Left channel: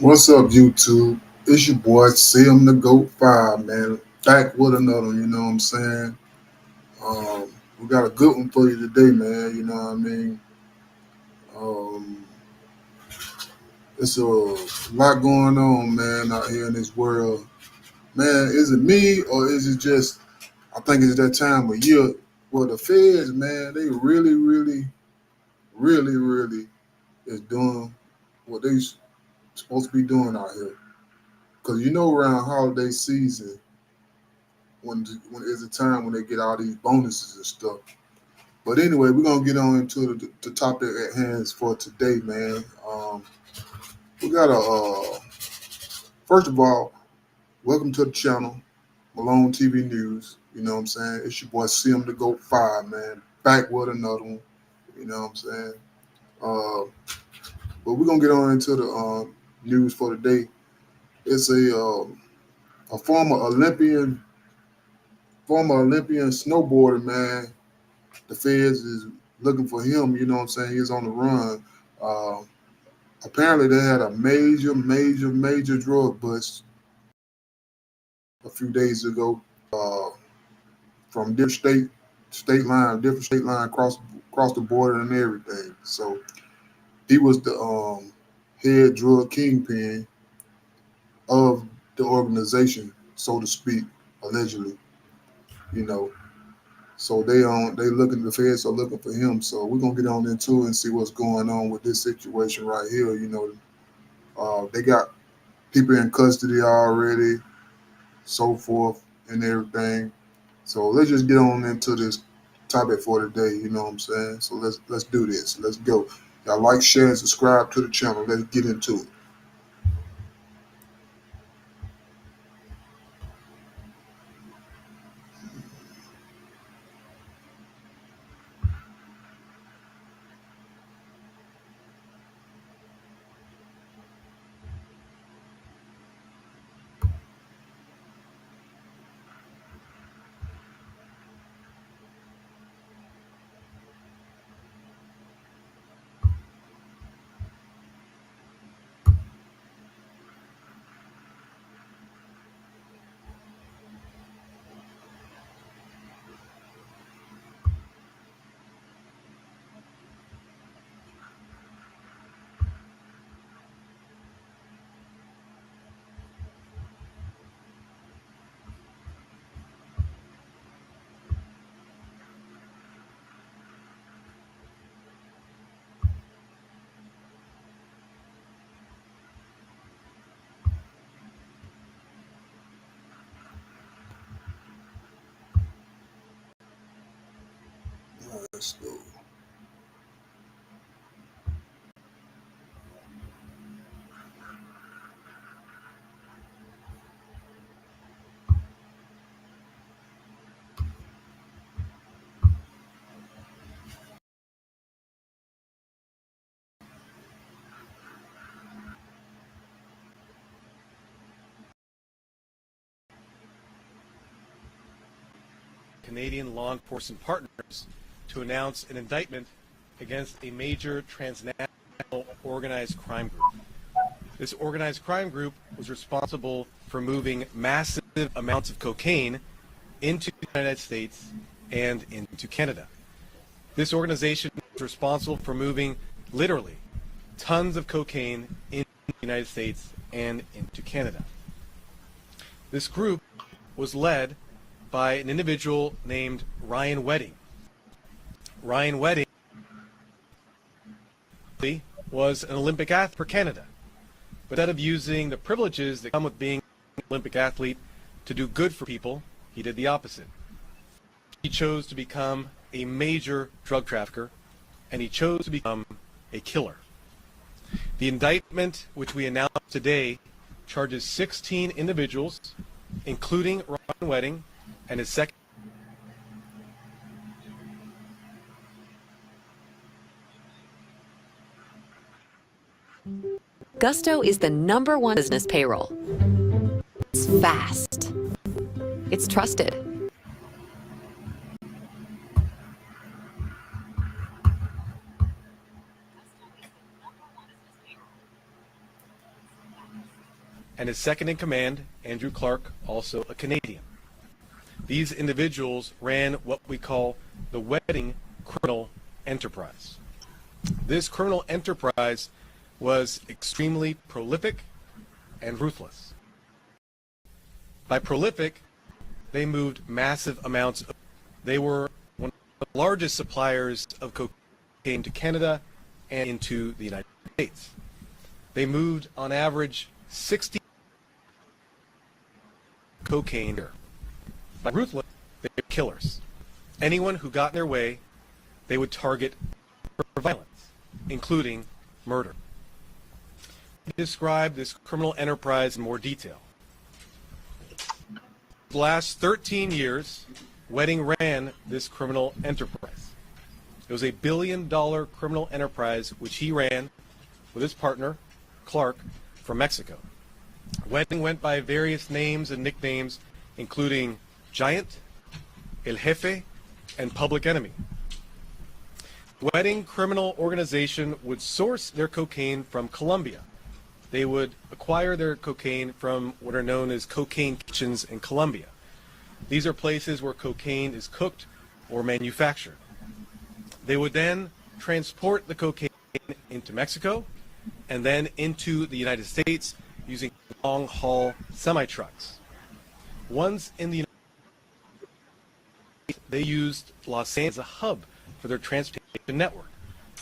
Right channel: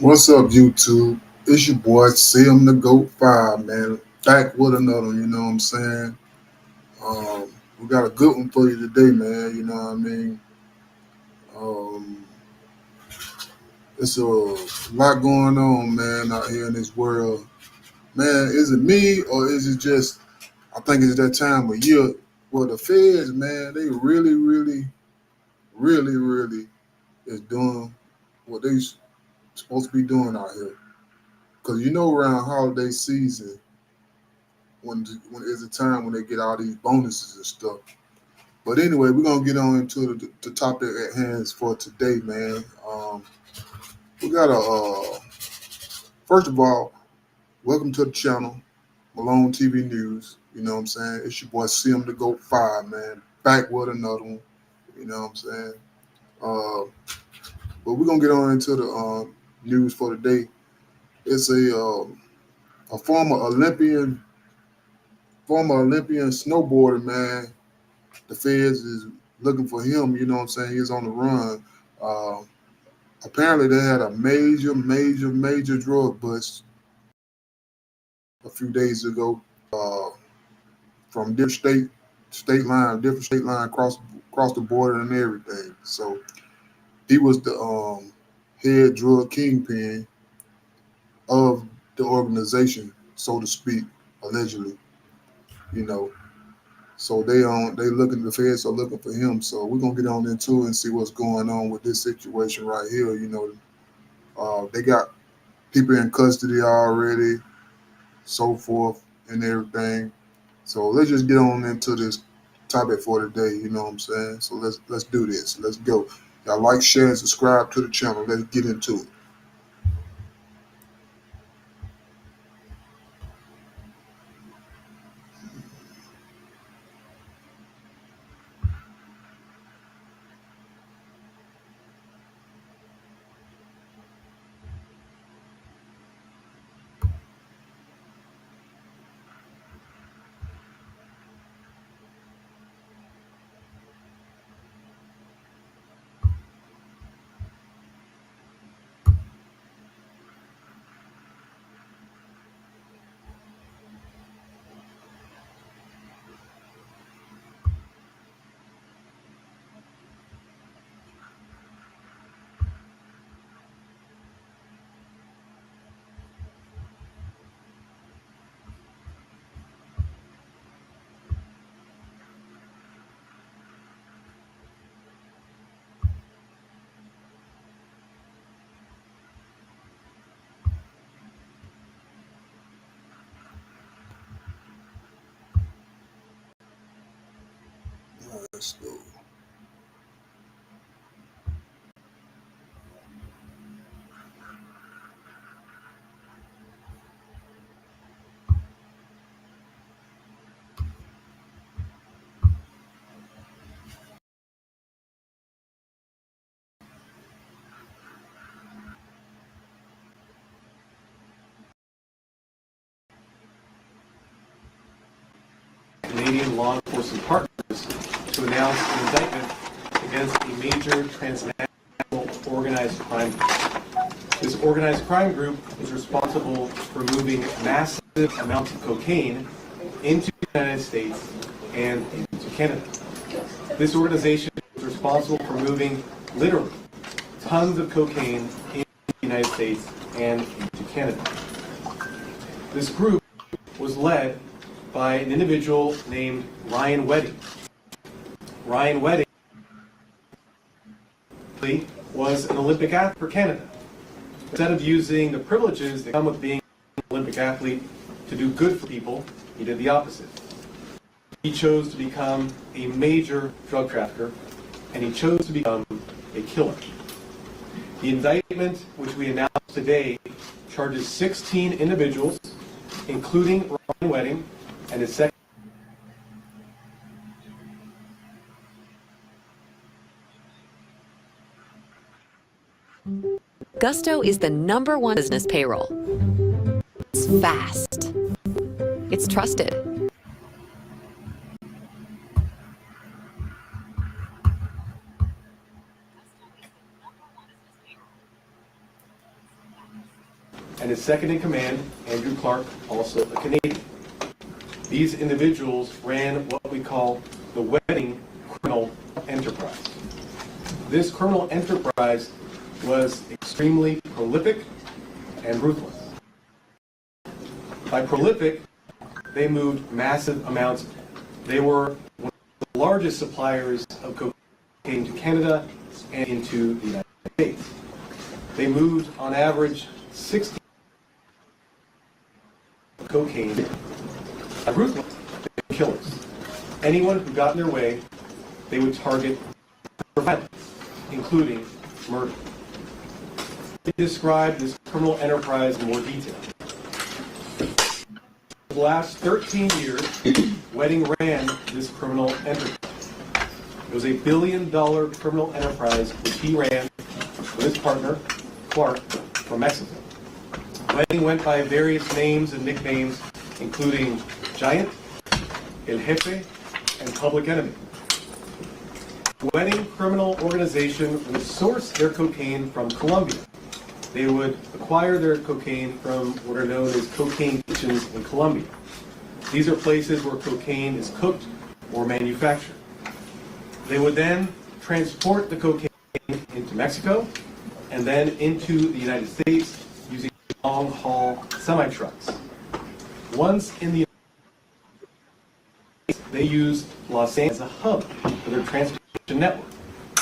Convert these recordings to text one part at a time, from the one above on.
What's up, YouTube? It's your boy, Sim the Goat 5, man. Back with another one, you know what I'm saying? Um, we got a good one for you today, man. You know what I mean? Um, it's a lot going on, man, out here in this world. Man, is it me or is it just, I think it's that time of year where the feds, man, they really is doing what they supposed to be doing out here. Because you know, around holiday season, when there's a time when they get all these bonuses and stuff. But anyway, we're gonna get on into the topic at hand for today, man. We got a first of all, welcome to the channel, Malone TV News. You know what I'm saying? It's your boy Sim the Goat 5, man. Back with another one. You know what I'm saying? Uh, but we're gonna get on into the news for today. It's a former Olympian snowboarder, man. The feds is looking for him. You know what I'm saying? He's on the run. Uh, Apparently, they had a major drug bust a few days ago uh, from different state line across the border and everything. So he was the head drug kingpin of the organization, so to speak, allegedly. You know, so they looking the feds are looking for him. So we're gonna get on into it and see what's going on with this situation right here. You know, they got people in custody already, so forth and everything. So let's just get on into this topic for today. You know what I'm saying? So let's do this. Let's go. Y'all like, share, and subscribe to the channel. Let's get into it. Let's go. Canadian law enforcement partners to announce an indictment against a major transnational organized crime group. This organized crime group is responsible for moving massive amounts of cocaine into the United States and into Canada. This organization is responsible for moving literally tons of cocaine into the United States and into Canada. This group was led by an individual named Ryan Wedding. Ryan Wedding was an Olympic athlete for Canada. But instead of using the privileges that come with being an Olympic athlete to do good for people, he did the opposite. He chose to become a major drug trafficker, and he chose to become a killer. The indictment, which we announced today, charges 16 individuals, including Ryan Wedding and his second. Gusto is the #1 business payroll. It's fast. It's trusted. his second in command, Andrew Clark, also a Canadian. These individuals ran what we call the wedding criminal enterprise. This criminal enterprise was extremely prolific and ruthless. By prolific, they moved massive amounts. They were one of the largest suppliers of cocaine to Canada and into the United States. They moved, on average, 60 cocaine. By ruthless, they were killers. Anyone who got in their way, they would target for violence, including murder. We describe this criminal enterprise in more detail. For the last 13 years, Wedding ran this criminal enterprise. It was a $1 billion criminal enterprise which he ran with his partner, Clark, from Mexico. Wedding went by various names and nicknames, including Giant, El Jefe, and Public Enemy. Wedding criminal organization would source their cocaine from Colombia. They would acquire their cocaine from what are known as cocaine kitchens in Colombia. These are places where cocaine is cooked or manufactured. They would then transport the cocaine into Mexico and then into the United States using long-haul semi-trucks. Once in the United States, they used Los Angeles as a hub for their transportation network.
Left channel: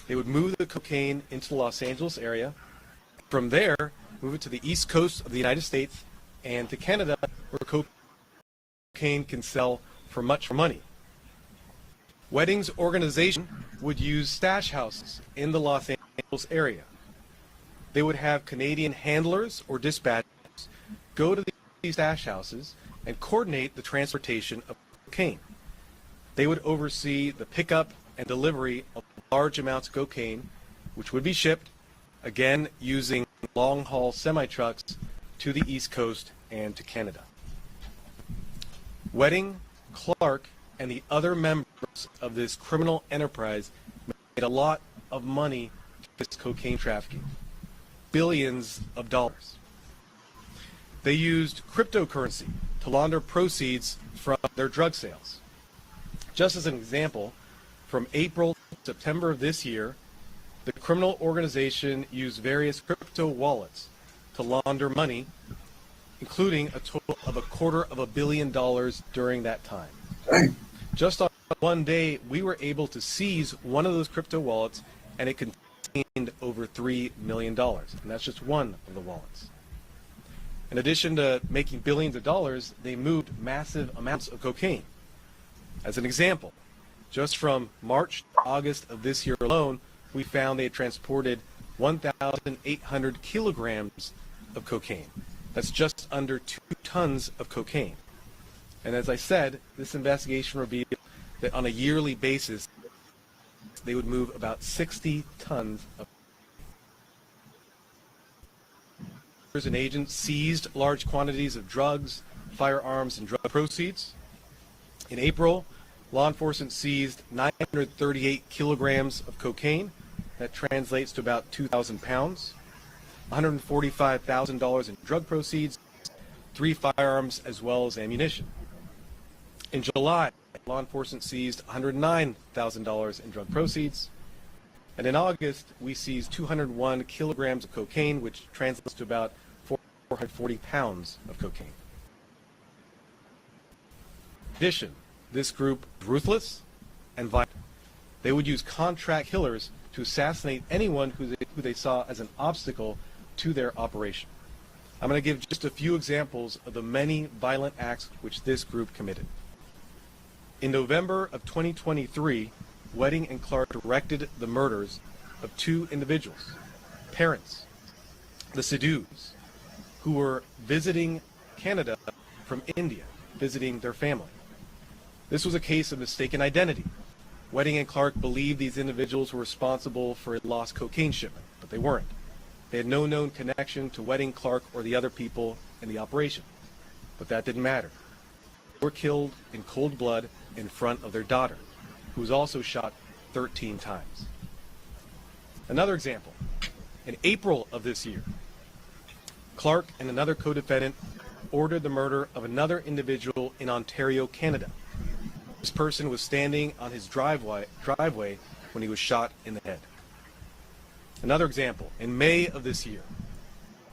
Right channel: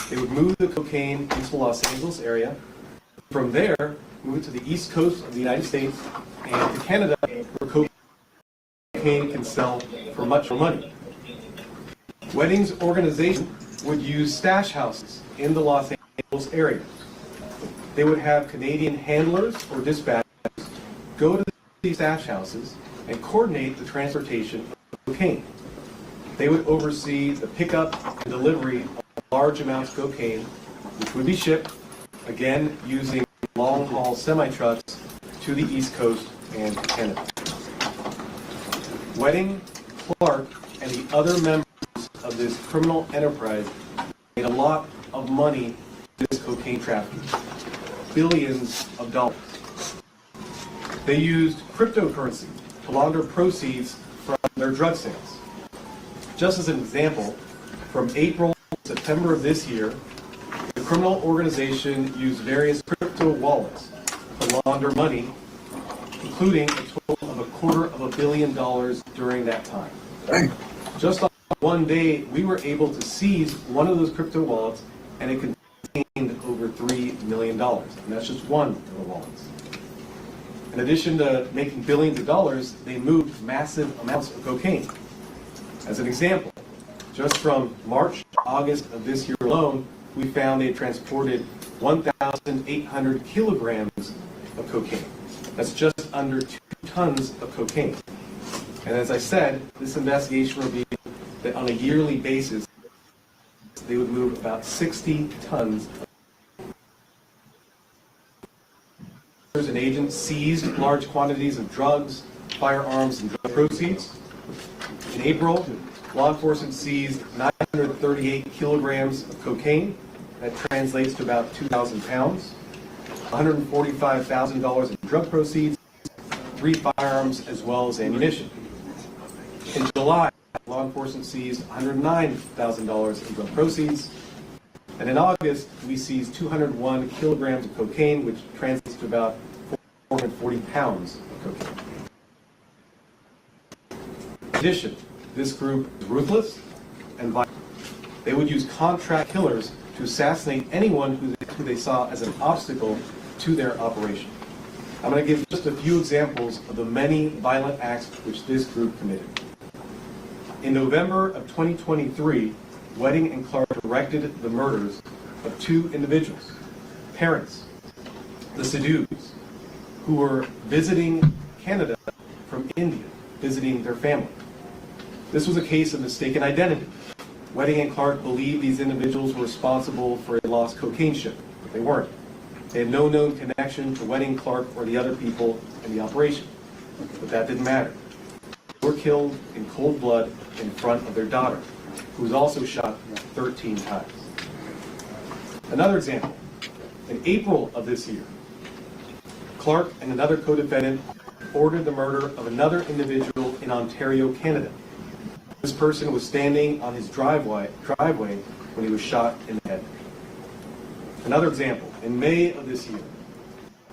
They would move the cocaine into the Los Angeles area. From there, move it to the east coast of the United States and to Canada, where cocaine can sell for much money. Wedding's organization would use stash houses in the Los Angeles area. They would have Canadian handlers or dispatchers go to these stash houses and coordinate the transportation of cocaine. They would oversee the pickup and delivery of large amounts of cocaine, which would be shipped, again using long-haul semi-trucks, to the East Coast and Canada. Wedding, Clark, and the other members of this criminal enterprise made a lot of money through this cocaine trafficking, billions of dollars. They used cryptocurrency to launder proceeds from their drug sales. Just as an example, from April to September of this year, the criminal organization used various crypto wallets to launder money, including a total of $250 million during that time. Dang. Just on one day, we were able to seize one of those crypto wallets, and it contained over $3 million. And that's just one of the wallets. In addition to making billions of dollars, they moved massive amounts of cocaine. As an example, just from March to August of this year alone, we found they transported 1,800 kilograms of cocaine. That's just under 2 tons of cocaine. And as I said, this investigation revealed that on a yearly basis, they would move about 60 tons of and agents seized large quantities of drugs, firearms, and drug proceeds. In April, law enforcement seized 938 kilograms of cocaine. That translates to about 2,000 pounds. $145,000 in drug proceeds, 3 firearms, as well as ammunition. In July, law enforcement seized $109,000 in drug proceeds. And in August, we seized 201 kilograms of cocaine, which translates to about 440 pounds of cocaine. In addition, this group is ruthless and violent. They would use contract killers to assassinate anyone who they saw as an obstacle to their operation. I'm going to give just a few examples of the many violent acts which this group committed. In November of 2023, Wedding and Clark directed the murders of 2 individuals, parents, the Sidhus, who were visiting Canada from India, visiting their family. This was a case of mistaken identity. Wedding and Clark believed these individuals were responsible for a lost cocaine ship, but they weren't. They had no known connection to Wedding, Clark, or the other people in the operation. But that didn't matter. They were killed in cold blood in front of their daughter, who was also shot 13 times. Another example, in April of this year, Clark and another co-defendant ordered the murder of another individual in Ontario, Canada. This person was standing on his driveway when he was shot in the head. Another example, in May of this year,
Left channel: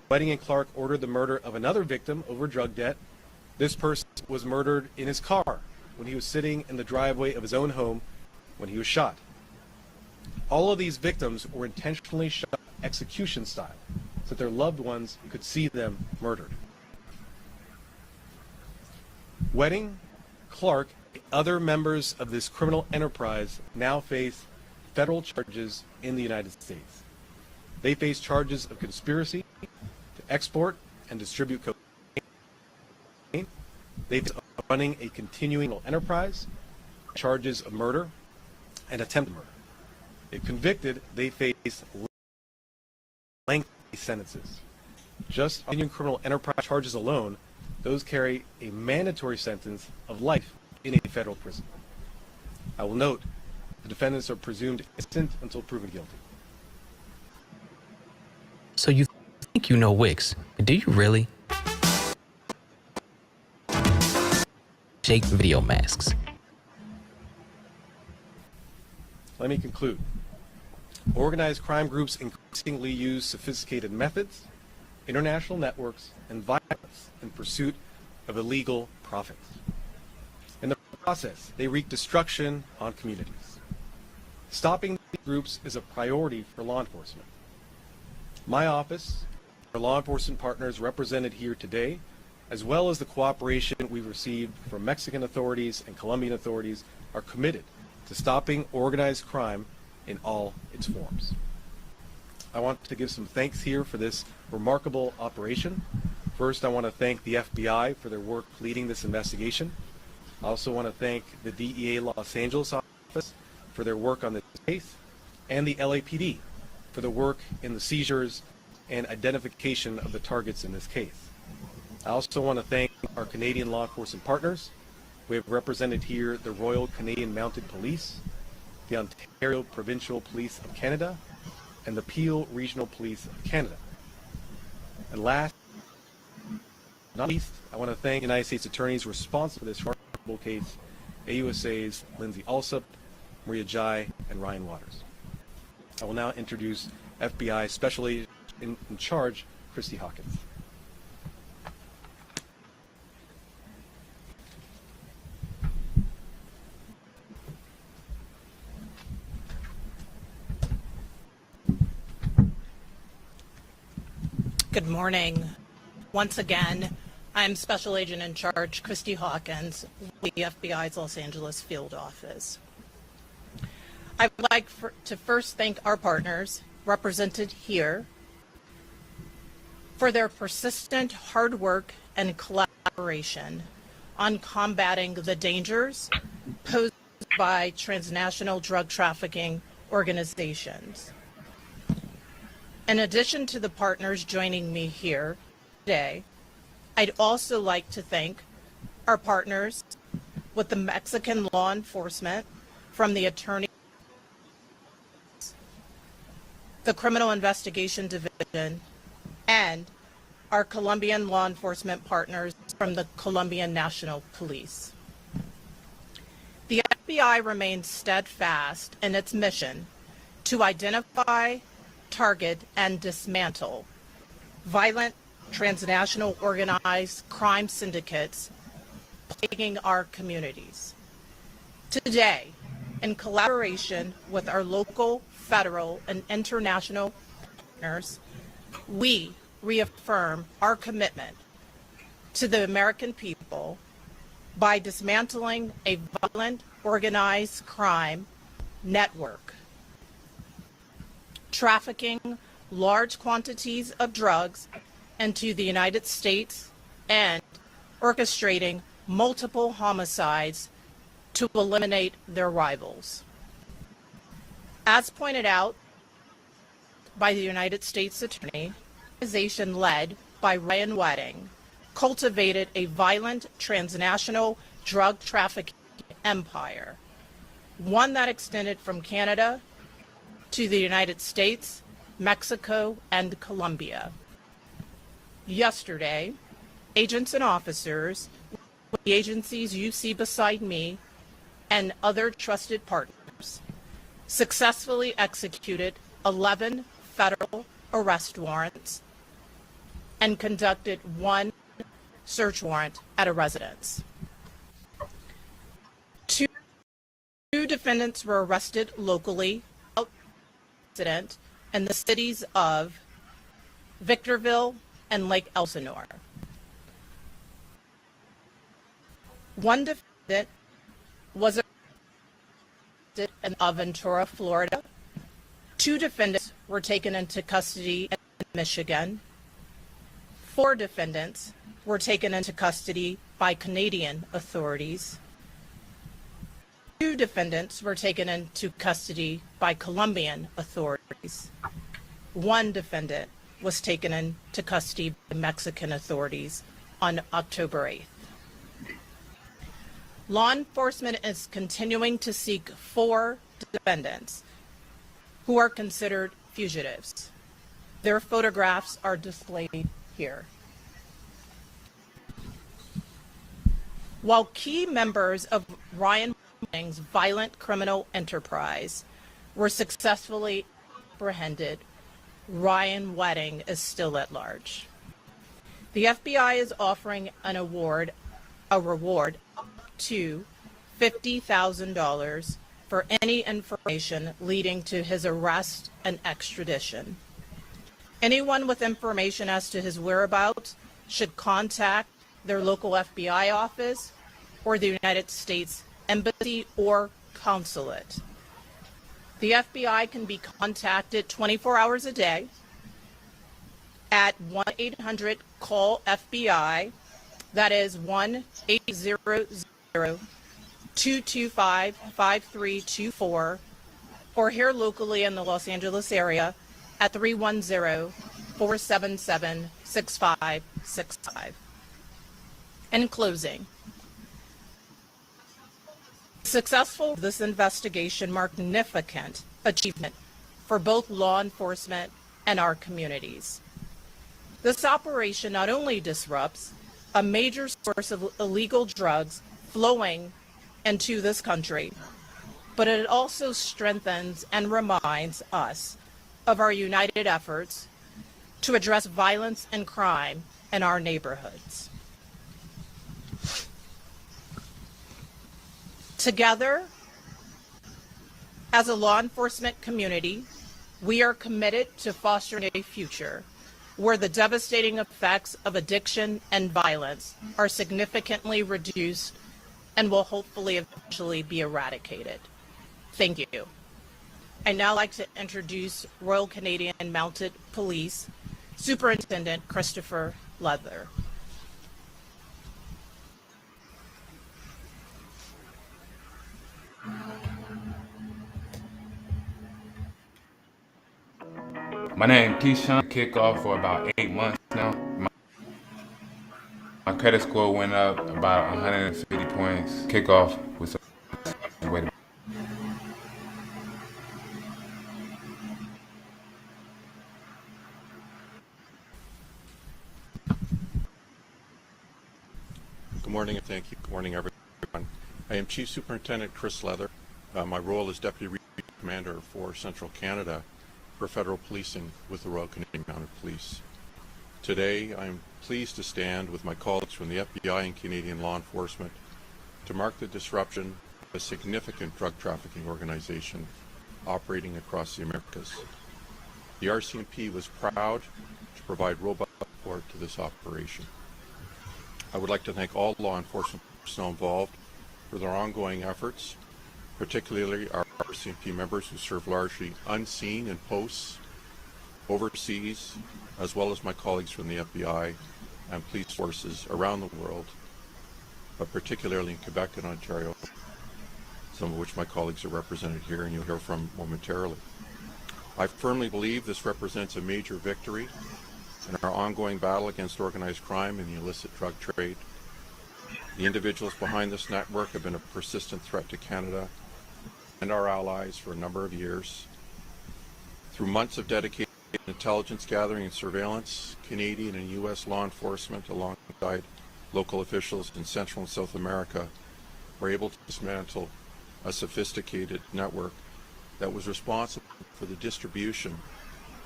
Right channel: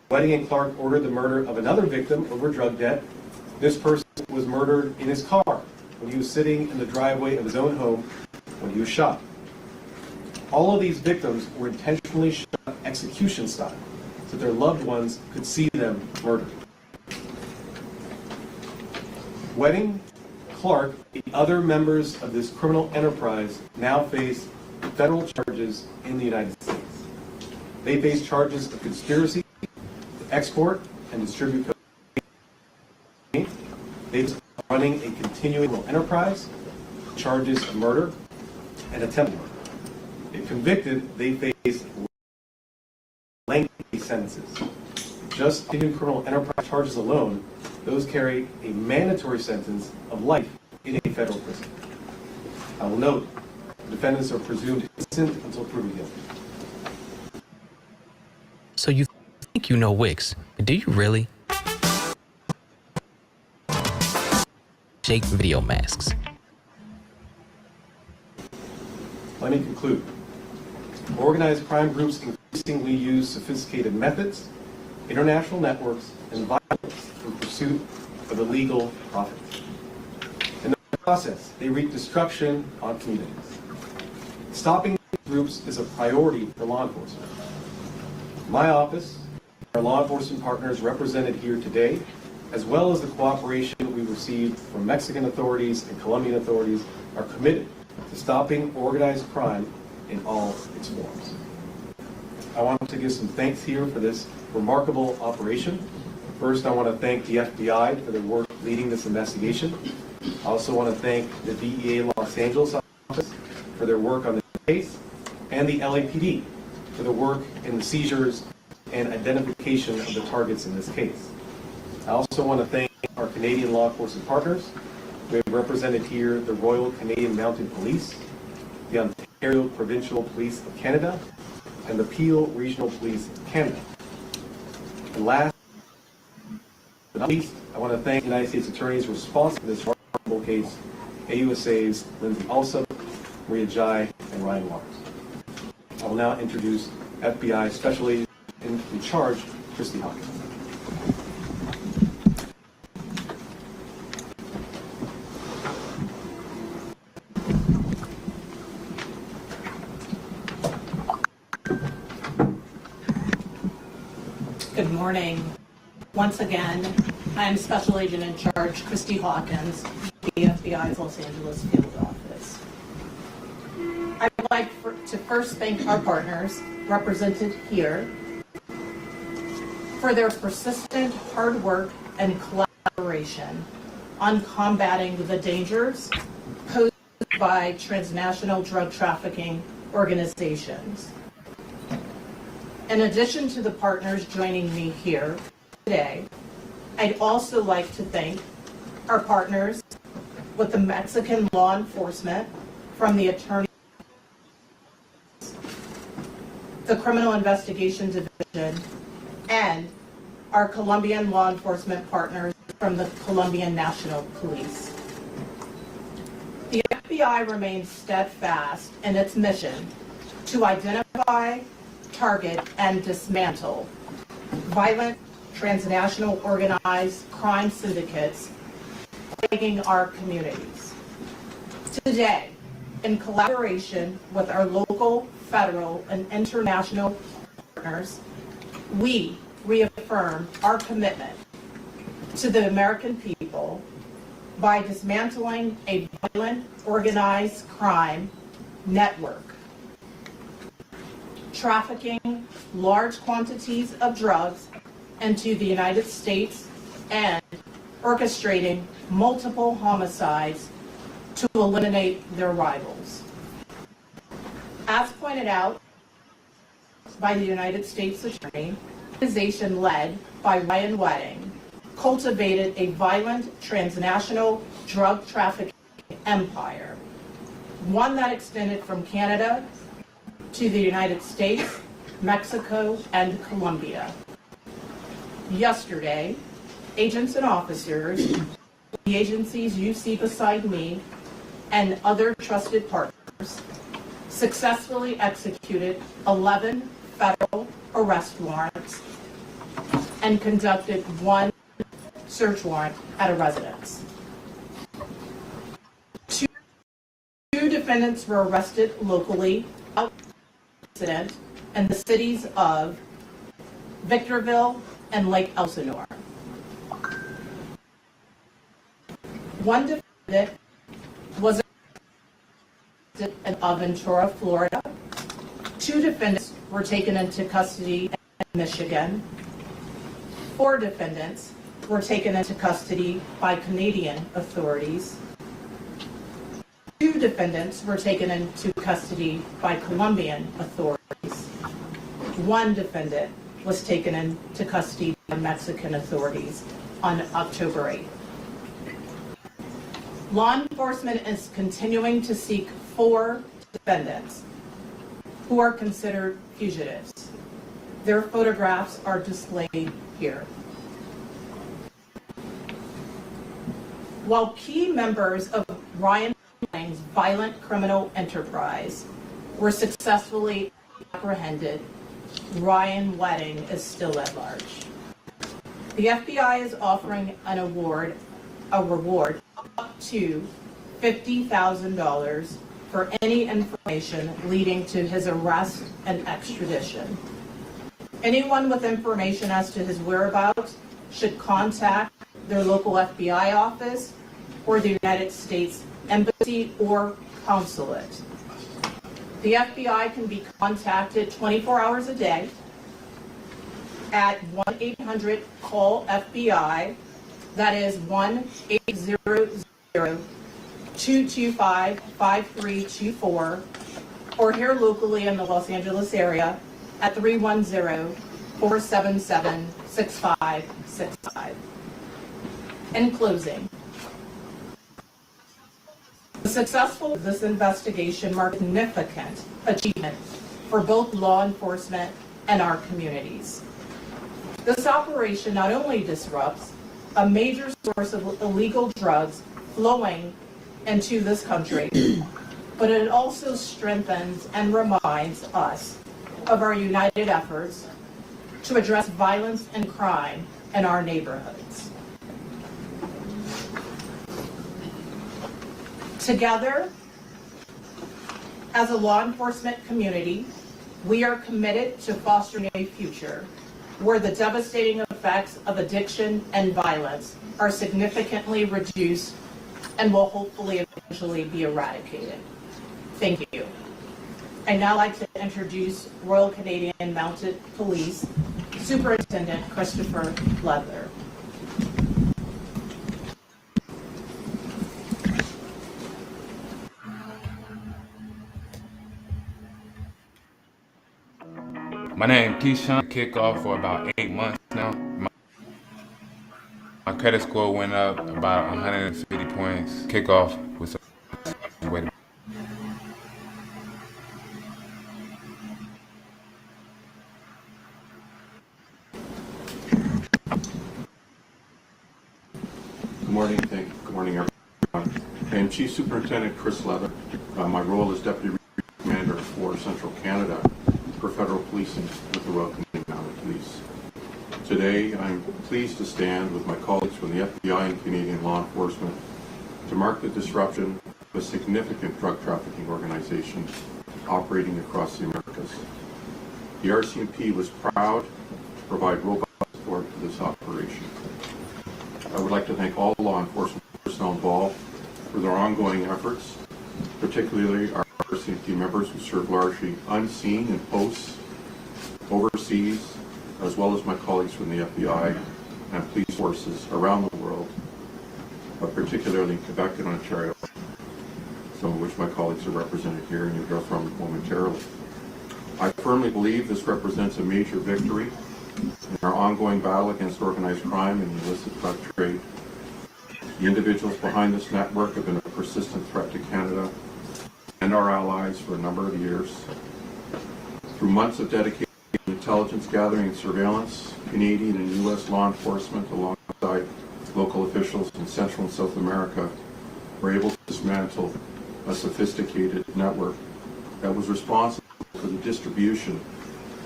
Wedding and Clark ordered the murder of another victim over drug debt. This person was murdered in his car when he was sitting in the driveway of his own home when he was shot. All of these victims were intentionally shot execution style, so their loved ones could see them murdered. Wedding, Clark, the other members of this criminal enterprise now face federal charges in the United States. They face charges of conspiracy to export and distribute cocaine. They face running a continuing enterprise, charges of murder, and attempted murder. If convicted, they face lengthy sentences. Just continuing criminal enterprise charges alone, those carry a mandatory sentence of life in a federal prison. I will note, the defendants are presumed innocent until proven guilty. So you think you know Wix, but do you really? Jake Video Masks. Let me conclude. Organized crime groups increasingly use sophisticated methods, international networks, and violence in pursuit of illegal profits. In the process, they wreak destruction on communities. Stopping these groups is a priority for law enforcement. My office, our law enforcement partners represented here today, as well as the cooperation we received from Mexican authorities and Colombian authorities, are committed to stopping organized crime in all its forms. I want to give some thanks here for this remarkable operation. First, I want to thank the FBI for their work leading this investigation. I also want to thank the DEA Los Angeles office for their work on this case, and the LAPD for their work in the seizures and identification of the targets in this case. I also want to thank our Canadian law enforcement partners. We have represented here the Royal Canadian Mounted Police, the Ontario Provincial Police of Canada, and the Peel Regional Police of Canada. And last but not least, I want to thank the United States attorneys responsible for this remarkable case, AUSA's Lindsay Alsop, Maria Jai, and Ryan Waters. I will now introduce FBI Special Agent in charge, Christy Hawkins. Good morning. Once again, I am Special Agent in Charge, Christy Hawkins, the FBI's Los Angeles Field Office. I would like to first thank our partners, represented here, for their persistent hard work and collaboration on combating the dangers posed by transnational drug trafficking organizations. In addition to the partners joining me here today, I'd also like to thank our partners with the Mexican law enforcement from the Attorney, the Criminal Investigation Division, and our Colombian law enforcement partners from the Colombian National Police. The FBI remains steadfast in its mission to identify, target, and dismantle violent transnational organized crime syndicates plaguing our communities. Today, in collaboration with our local, federal, and international partners, we reaffirm our commitment to the American people by dismantling a violent organized crime network, trafficking large quantities of drugs into the United States, and orchestrating multiple homicides to eliminate their rivals. As pointed out by the United States Attorney, the organization led by Ryan Wedding cultivated a violent transnational drug trafficking empire, one that extended from Canada to the United States, Mexico, and Colombia. Yesterday, agents and officers, the agencies you see beside me, and other trusted partners, successfully executed 11 federal arrest warrants and conducted 1 search warrant at a residence. Two defendants were arrested locally incident in the cities of Victorville and Lake Elsinore. 1 defendant was arrested in Aventura, Florida. 2 defendants were taken into custody in Michigan. 4 defendants were taken into custody by Canadian authorities. 2 defendants were taken into custody by Colombian authorities. 1 defendant was taken into custody by Mexican authorities on October 8th. Law enforcement is continuing to seek 4 defendants who are considered fugitives. Their photographs are displayed here. While key members of Ryan Wedding's violent criminal enterprise were successfully apprehended, Ryan Wedding is still at large. The FBI is offering a reward up to $50,000 for any information leading to his arrest and extradition. Anyone with information as to his whereabouts should contact their local FBI office or the United States Embassy or Consulate. The FBI can be contacted 24 hours a day at 1-800-CALL-FBI. That is 1-800-225-5324, or here locally in the Los Angeles area at 310-477-6565. In closing, the success of this investigation marked significant achievement for both law enforcement and our communities. This operation not only disrupts a major source of illegal drugs flowing into this country, but it also strengthens and reminds us of our united efforts to address violence and crime in our neighborhoods. Together, as a law enforcement community, we are committed to fostering a future where the devastating effects of addiction and violence are significantly reduced and will hopefully eventually be eradicated. Thank you. I'd now like to introduce Royal Canadian Mounted Police Superintendent Christopher Leather. My name is Keyshawn. Kickoff for about 8 months now. My credit score went up about 150 points. Kickoff was a way to. Good morning, thank you. Good morning, everyone. I am Chief Superintendent Chris Leather. My role is Deputy Commander for Central Canada for Federal Policing with the Royal Canadian Mounted Police. Today, I'm pleased to stand with my colleagues from the FBI and Canadian law enforcement to mark the disruption of a significant drug trafficking organization operating across the Americas. The RCMP was proud to provide robust support to this operation. I would like to thank all law enforcement personnel involved for their ongoing efforts, particularly our RCMP members who serve largely unseen in posts overseas, as well as my colleagues from the FBI and police forces around the world, but particularly in Quebec and Ontario, some of which my colleagues are represented here and you'll hear from momentarily. I firmly believe this represents a major victory in our ongoing battle against organized crime and the illicit drug trade. The individuals behind this network have been a persistent threat to Canada and our allies for a number of years. Through months of dedication intelligence gathering and surveillance, Canadian and U.S. law enforcement alongside local officials in Central and South America were able to dismantle a sophisticated network that was responsible for the distribution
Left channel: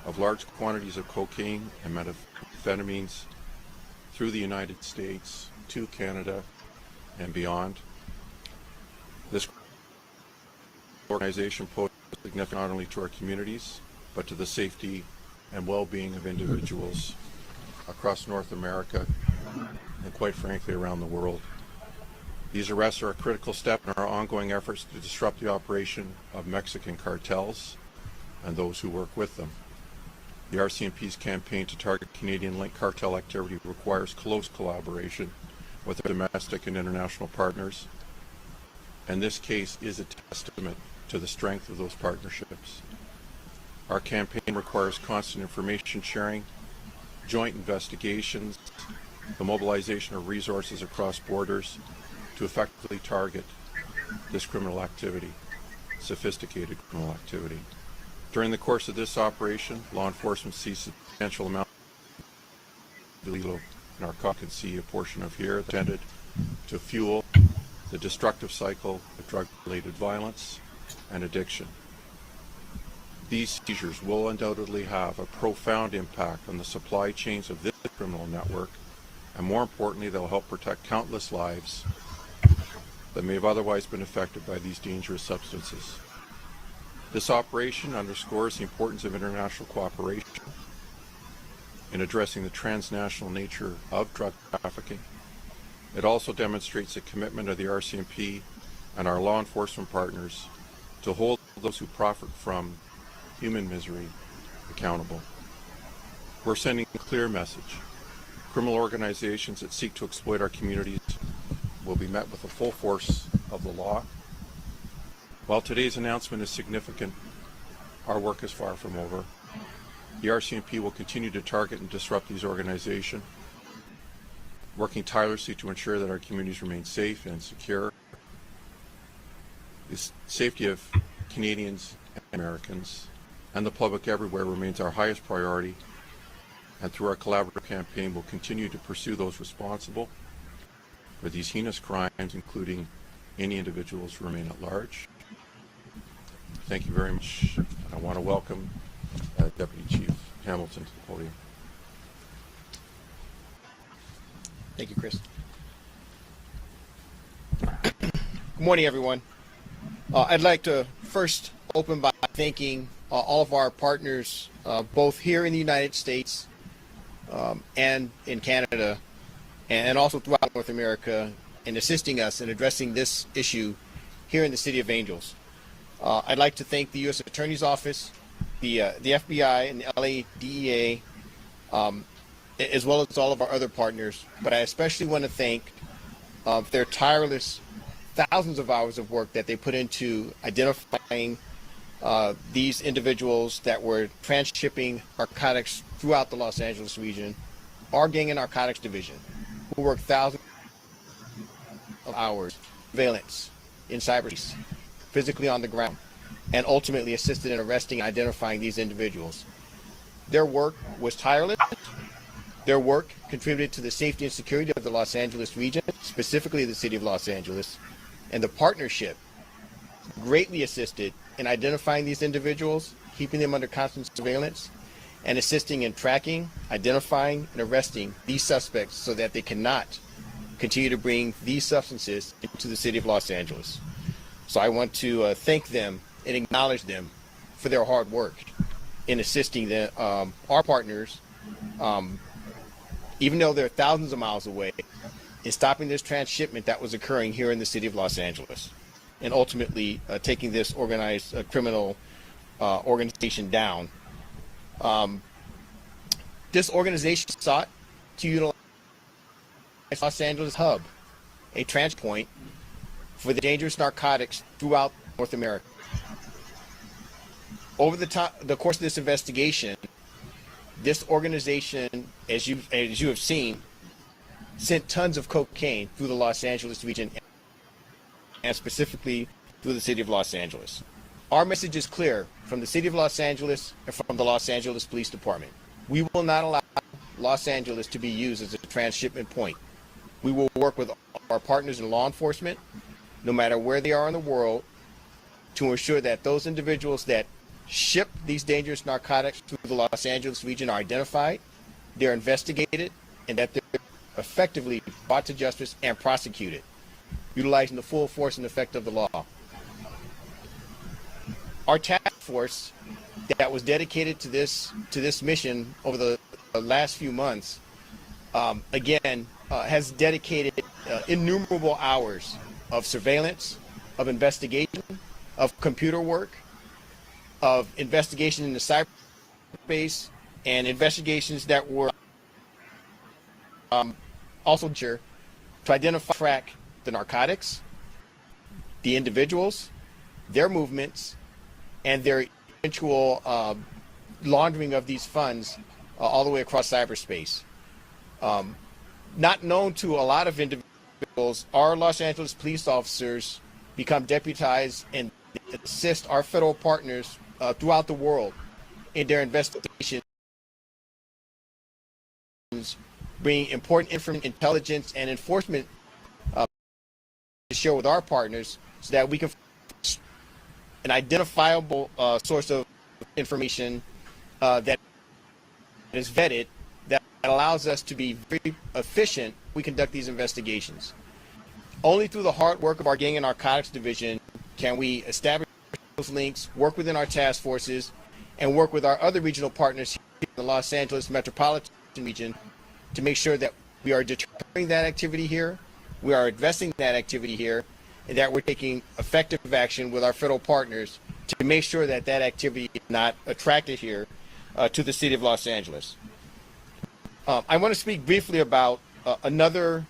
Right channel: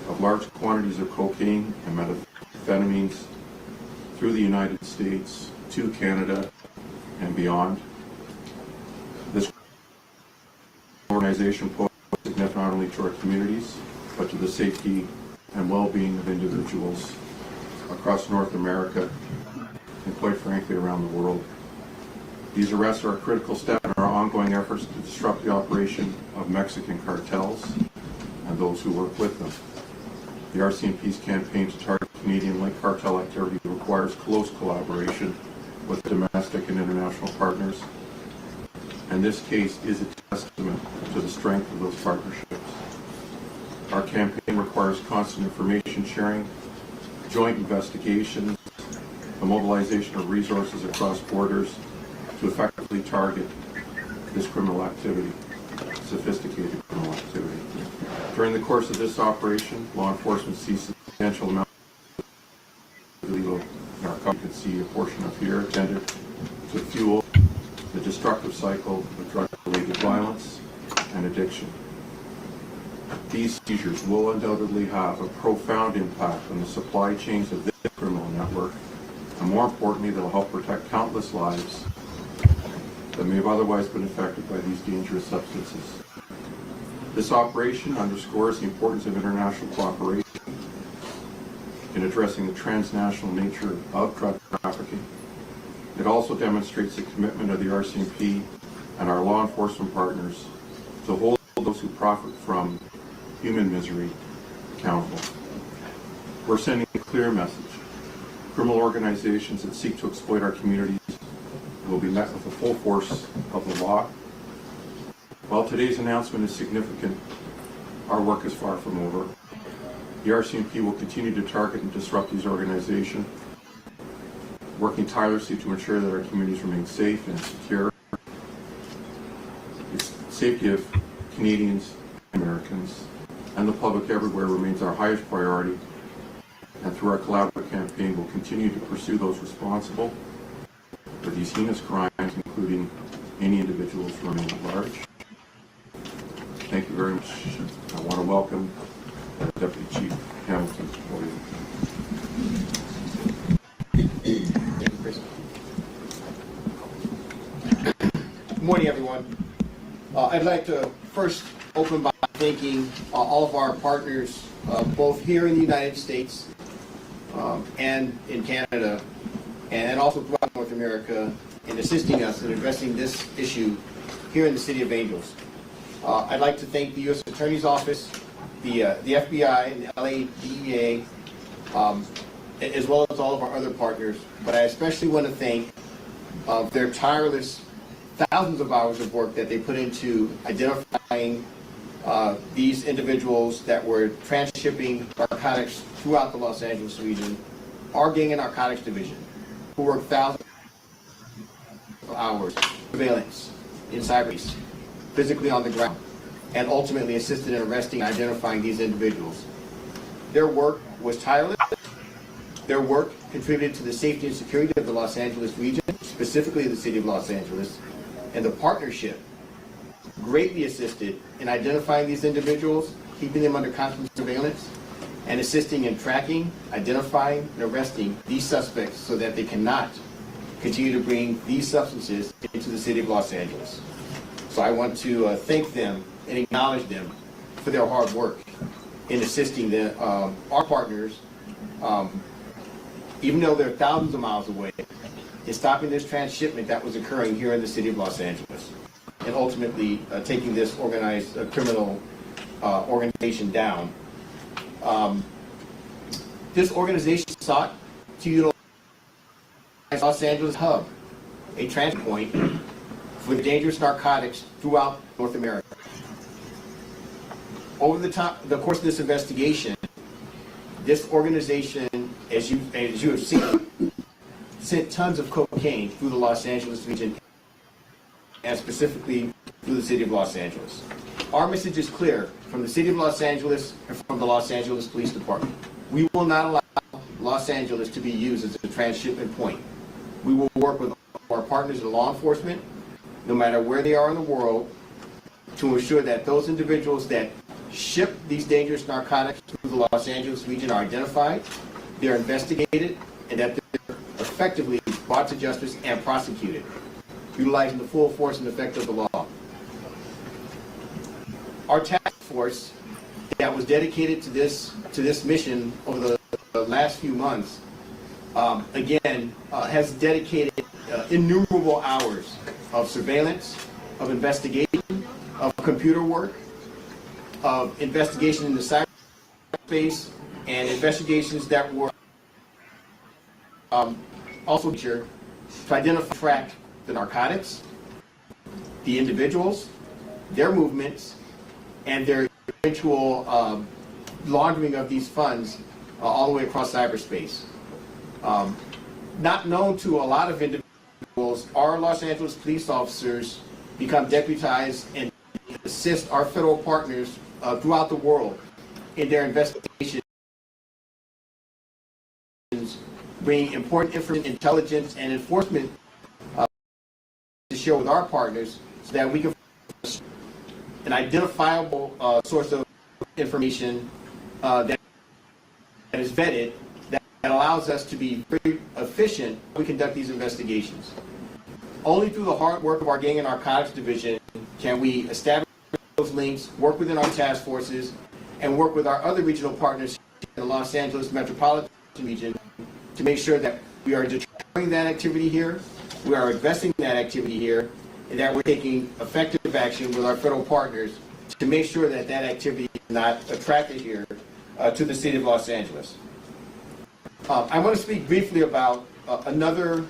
of large quantities of cocaine and methamphetamines through the United States to Canada and beyond. This organization posed significant not only to our communities, but to the safety and well-being of individuals across North America and quite frankly around the world. These arrests are a critical step in our ongoing efforts to disrupt the operation of Mexican cartels and those who work with them. The RCMP's campaign to target Canadian-linked cartel activity requires close collaboration with domestic and international partners, and this case is a testament to the strength of those partnerships. Our campaign requires constant information sharing, joint investigations, the mobilization of resources across borders to effectively target this criminal activity, sophisticated criminal activity. During the course of this operation, law enforcement seized a substantial amount of illegal narcotics. You can see a portion of here intended to fuel the destructive cycle of drug-related violence and addiction. These seizures will undoubtedly have a profound impact on the supply chains of this criminal network, and more importantly, they'll help protect countless lives that may have otherwise been affected by these dangerous substances. This operation underscores the importance of international cooperation in addressing the transnational nature of drug trafficking. It also demonstrates the commitment of the RCMP and our law enforcement partners to hold those who profit from human misery accountable. We're sending a clear message. Criminal organizations that seek to exploit our communities will be met with the full force of the law. While today's announcement is significant, our work is far from over. The RCMP will continue to target and disrupt these organizations, working tirelessly to ensure that our communities remain safe and secure. The safety of Canadians and Americans and the public everywhere remains our highest priority, and through our collaborative campaign, we'll continue to pursue those responsible for these heinous crimes, including any individuals remaining at large. Thank you very much. I want to welcome Deputy Chief Hamilton to the podium. Thank you, Chris. Good morning, everyone. I'd like to first open by thanking all of our partners, both here in the United States and in Canada, and also throughout North America, in assisting us in addressing this issue here in the City of Angels. I'd like to thank the U.S. Attorney's Office, the F.B.I. and the LA DEA, as well as all of our other partners. But I especially want to thank their tireless thousands of hours of work that they put into identifying these individuals that were transshipping narcotics throughout the Los Angeles region, our gang and narcotics division, who worked thousands of hours, surveillance, in cyberspace, physically on the ground, and ultimately assisted in arresting and identifying these individuals. Their work was tireless. Their work contributed to the safety and security of the Los Angeles region, specifically the City of Los Angeles, and the partnership greatly assisted in identifying these individuals, keeping them under constant surveillance, and assisting in tracking, identifying, and arresting these suspects so that they cannot continue to bring these substances into the City of Los Angeles. So I want to thank them and acknowledge them for their hard work in assisting our partners, even though they're thousands of miles away, in stopping this transshipment that was occurring here in the City of Los Angeles, and ultimately taking this organized criminal organization down. This organization sought to utilize Los Angeles hub, a transit point for the dangerous narcotics throughout North America. Over the course of this investigation, this organization, as you have seen, sent tons of cocaine through the Los Angeles region, and specifically through the City of Los Angeles. our message is clear from the City of Los Angeles and from the Los Angeles Police Department. We will not allow Los Angeles to be used as a transshipment point. We will work with our partners in law enforcement, no matter where they are in the world, to ensure that those individuals that ship these dangerous narcotics through the Los Angeles region are identified, they're investigated, and that they're effectively brought to justice and prosecuted, utilizing the full force and effect of the law. Our task force that was dedicated to this mission over the last few months, has dedicated innumerable hours of surveillance, of investigation, of computer work, of investigation in the cyberspace, and investigations that were also to identify, track the narcotics, the individuals, their movements, and their eventual laundering of these funds all the way across cyberspace. Not known to a lot of individuals, our Los Angeles police officers become deputized and assist our federal partners throughout the world in their investigations, bringing important information, intelligence, and enforcement to share with our partners so that we can find an identifiable source of information that is vetted, that allows us to be very efficient when we conduct these investigations. Only through the hard work of our Gang and Narcotics Division can we establish those links, work within our task forces, and work with our other regional partners here in the Los Angeles metropolitan region to make sure that we are deterring that activity here, we are investing in that activity here, and that we're taking effective action with our federal partners to make sure that that activity is not attracted here to the City of Los Angeles. I want to speak briefly about another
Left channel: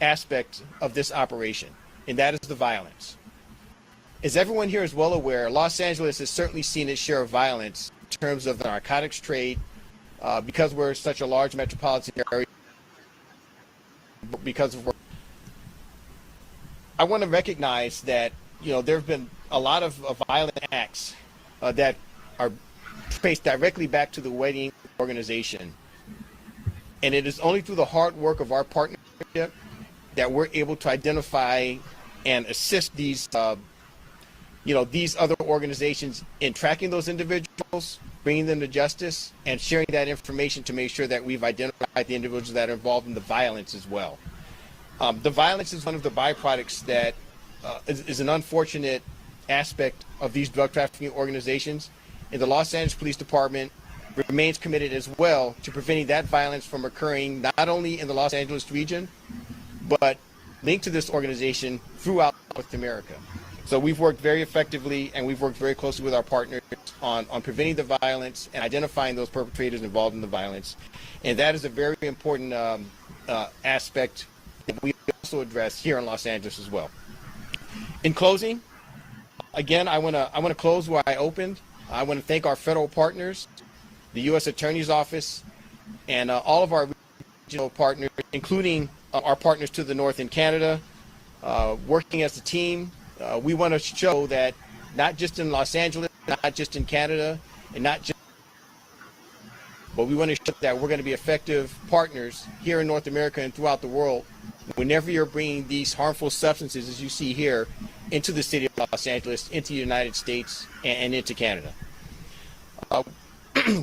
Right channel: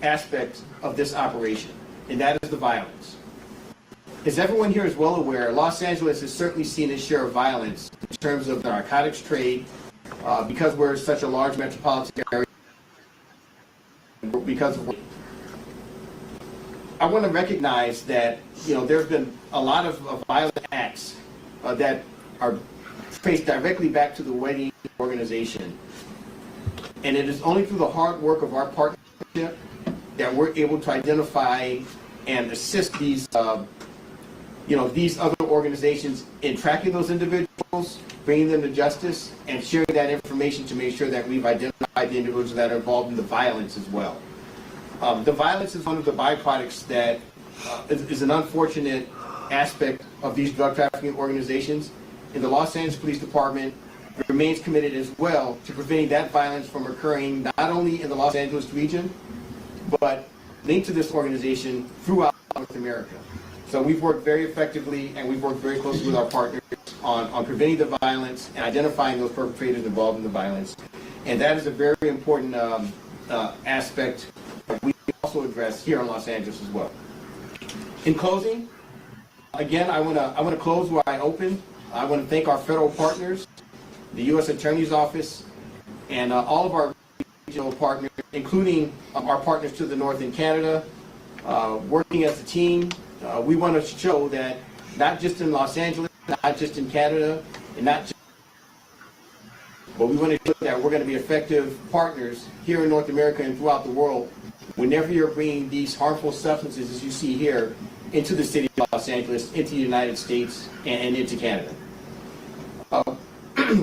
aspect of this operation, and that is the violence. As everyone here is well aware, Los Angeles has certainly seen its share of violence in terms of the narcotics trade, because we're such a large metropolitan area, because of, I want to recognize that there's been a lot of violent acts that are traced directly back to the wedding organization, and it is only through the hard work of our partnership that we're able to identify and assist these these other organizations in tracking those individuals, bringing them to justice, and sharing that information to make sure that we've identified the individuals that are involved in the violence as well. The violence is one of the byproducts that is an unfortunate aspect of these drug trafficking organizations, and the Los Angeles Police Department remains committed as well to preventing that violence from occurring not only in the Los Angeles region, but linked to this organization throughout North America. So we've worked very effectively, and we've worked very closely with our partners on preventing the violence and identifying those perpetrators involved in the violence. And that is a very important aspect that we also address here in Los Angeles as well. In closing, again, I want to close where I opened. I want to thank our federal partners, the U.S. Attorney's Office, and all of our regional partners, including our partners to the north in Canada, working as a team. We want to show that not just in Los Angeles, not just in Canada, and not just, but we want to show that we're going to be effective partners here in North America and throughout the world whenever you're bringing these harmful substances, as you see here, into the city of Los Angeles, into the United States, and into Canada.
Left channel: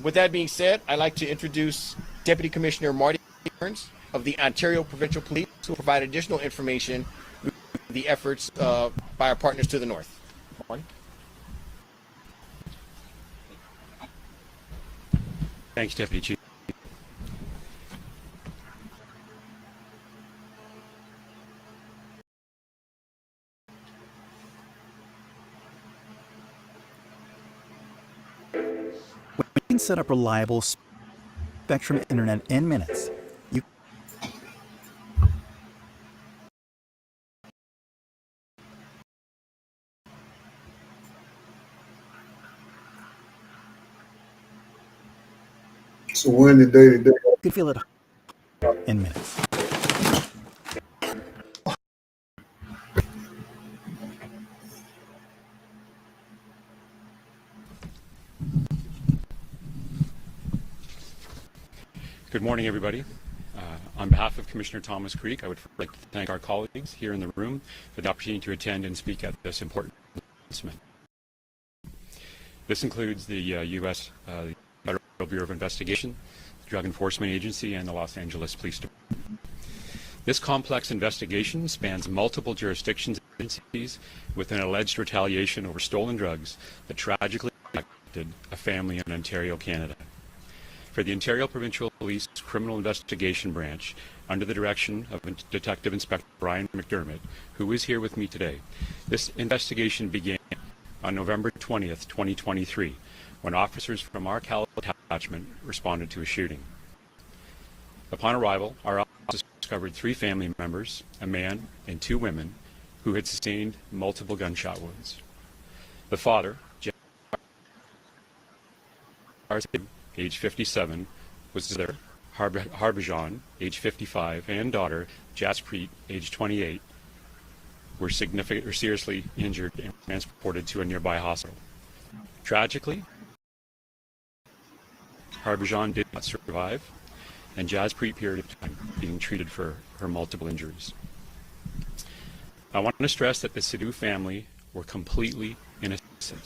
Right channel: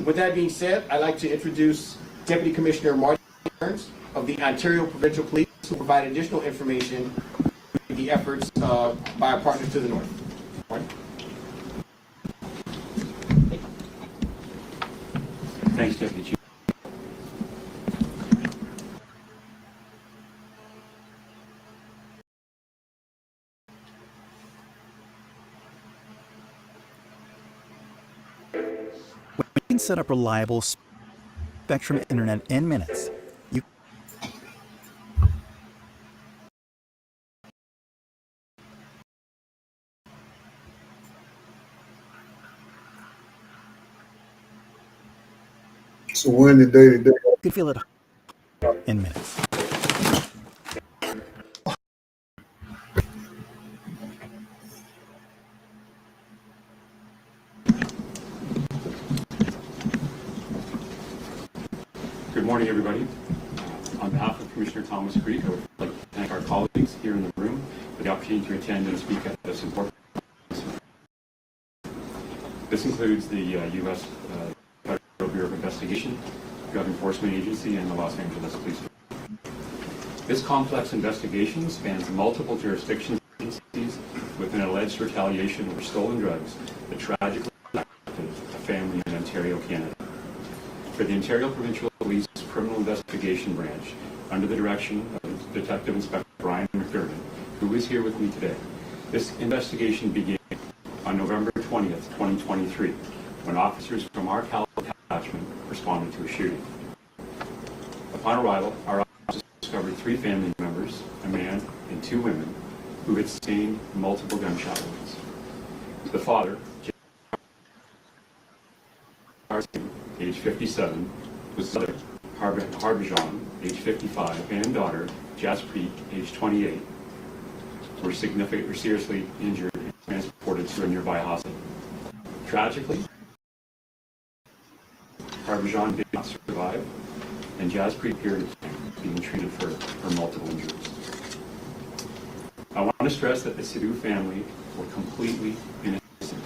With that being said, I'd like to introduce Deputy Commissioner Marty Burns of the Ontario Provincial Police, who will provide additional information on the efforts by our partners to the north. Marty? Thanks, Deputy Chief. We can set up reliable Spectrum Internet in minutes. So when the day to day. You can feel it in minutes. Good morning, everybody. On behalf of Commissioner Thomas Creek, I would like to thank our colleagues here in the room for the opportunity to attend and speak at this important announcement. This includes the U.S. Federal Bureau of Investigation, Drug Enforcement Agency, and the Los Angeles Police Department. This complex investigation spans multiple jurisdictions and agencies with an alleged retaliation over stolen drugs that tragically affected a family in Ontario, Canada. For the Ontario Provincial Police Criminal Investigation Branch, under the direction of Detective Inspector Brian McDermott, who is here with me today, this investigation began on November 20th, 2023, when officers from our California detachment responded to a shooting. Upon arrival, our officers discovered 3 family members, a man and 2 women, who had sustained multiple gunshot wounds. The father, age 57, was their Harbhajan, age 55, and daughter, Jaspreet, age 28, were seriously injured and transported to a nearby hospital. Tragically, Harbhajan did not survive, and Jaspreet appeared being treated for her multiple injuries. I want to stress that the Sidhu family were completely innocent.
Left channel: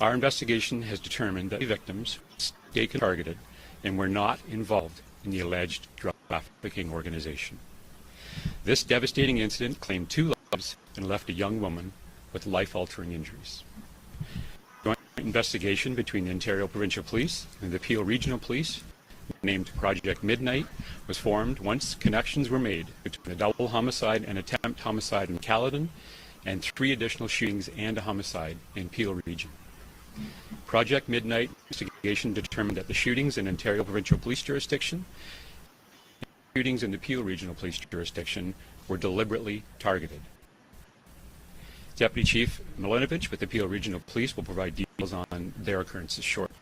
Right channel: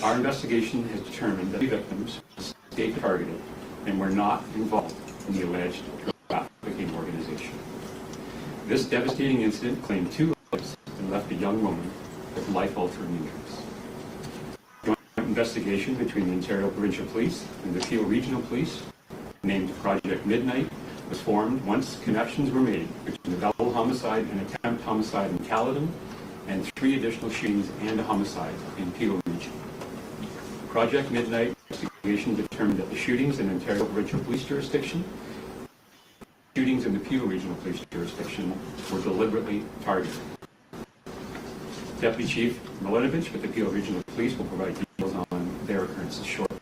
Our investigation has determined that the victims were targeted and were not involved in the alleged drug trafficking organization. This devastating incident claimed 2 lives and left a young woman with life-altering injuries. A joint investigation between the Ontario Provincial Police and the Peel Regional Police, named Project Midnight, was formed once connections were made between a double homicide and attempt homicide in Caledon and 3 additional shootings and a homicide in Peel Region. Project Midnight investigation determined that the shootings in Ontario Provincial Police jurisdiction, shootings in the Peel Regional Police jurisdiction were deliberately targeted. Deputy Chief Miletovich with the Peel Regional Police will provide details on their occurrences shortly.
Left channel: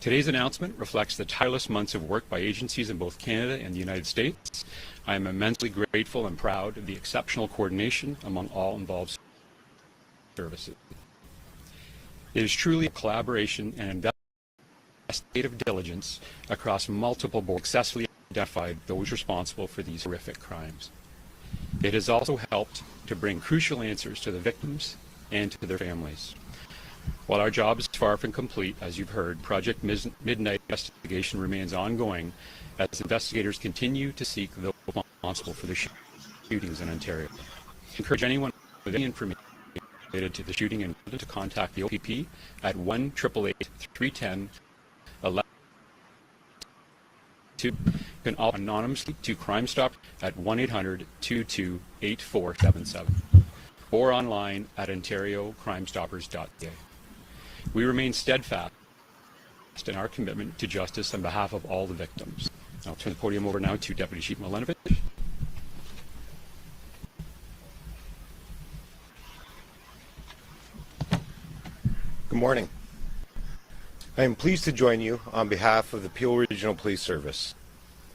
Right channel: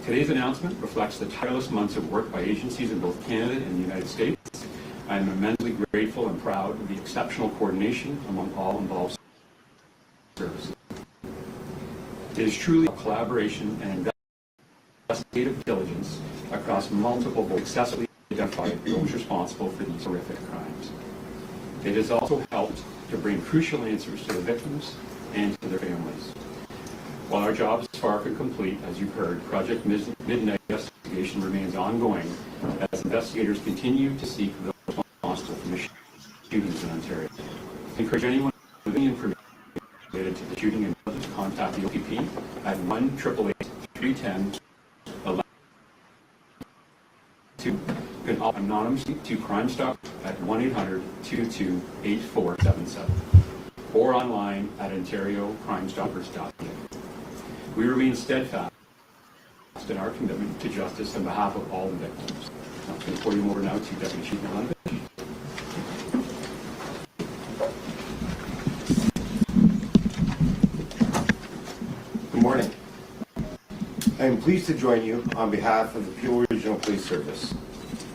Today's announcement reflects the tireless months of work by agencies in both Canada and the United States. I am immensely grateful and proud of the exceptional coordination among all involved services. It is truly a collaboration and investigative diligence across multiple boards successfully identified those responsible for these horrific crimes. It has also helped to bring crucial answers to the victims and to their families. While our job is far from complete, as you've heard, Project Midnight investigation remains ongoing as investigators continue to seek those responsible for the shootings in Ontario. I encourage anyone with any information related to the shooting and to contact the OPP at 1-888-310-11. You can anonymously to Crime Stop at 1-800-22-8477 or online at ontariocrimestoppers.ca. We remain steadfast in our commitment to justice on behalf of all the victims. I'll turn the podium over now to Deputy Chief Miletovich. Good morning. I am pleased to join you on behalf of the Peel Regional Police Service.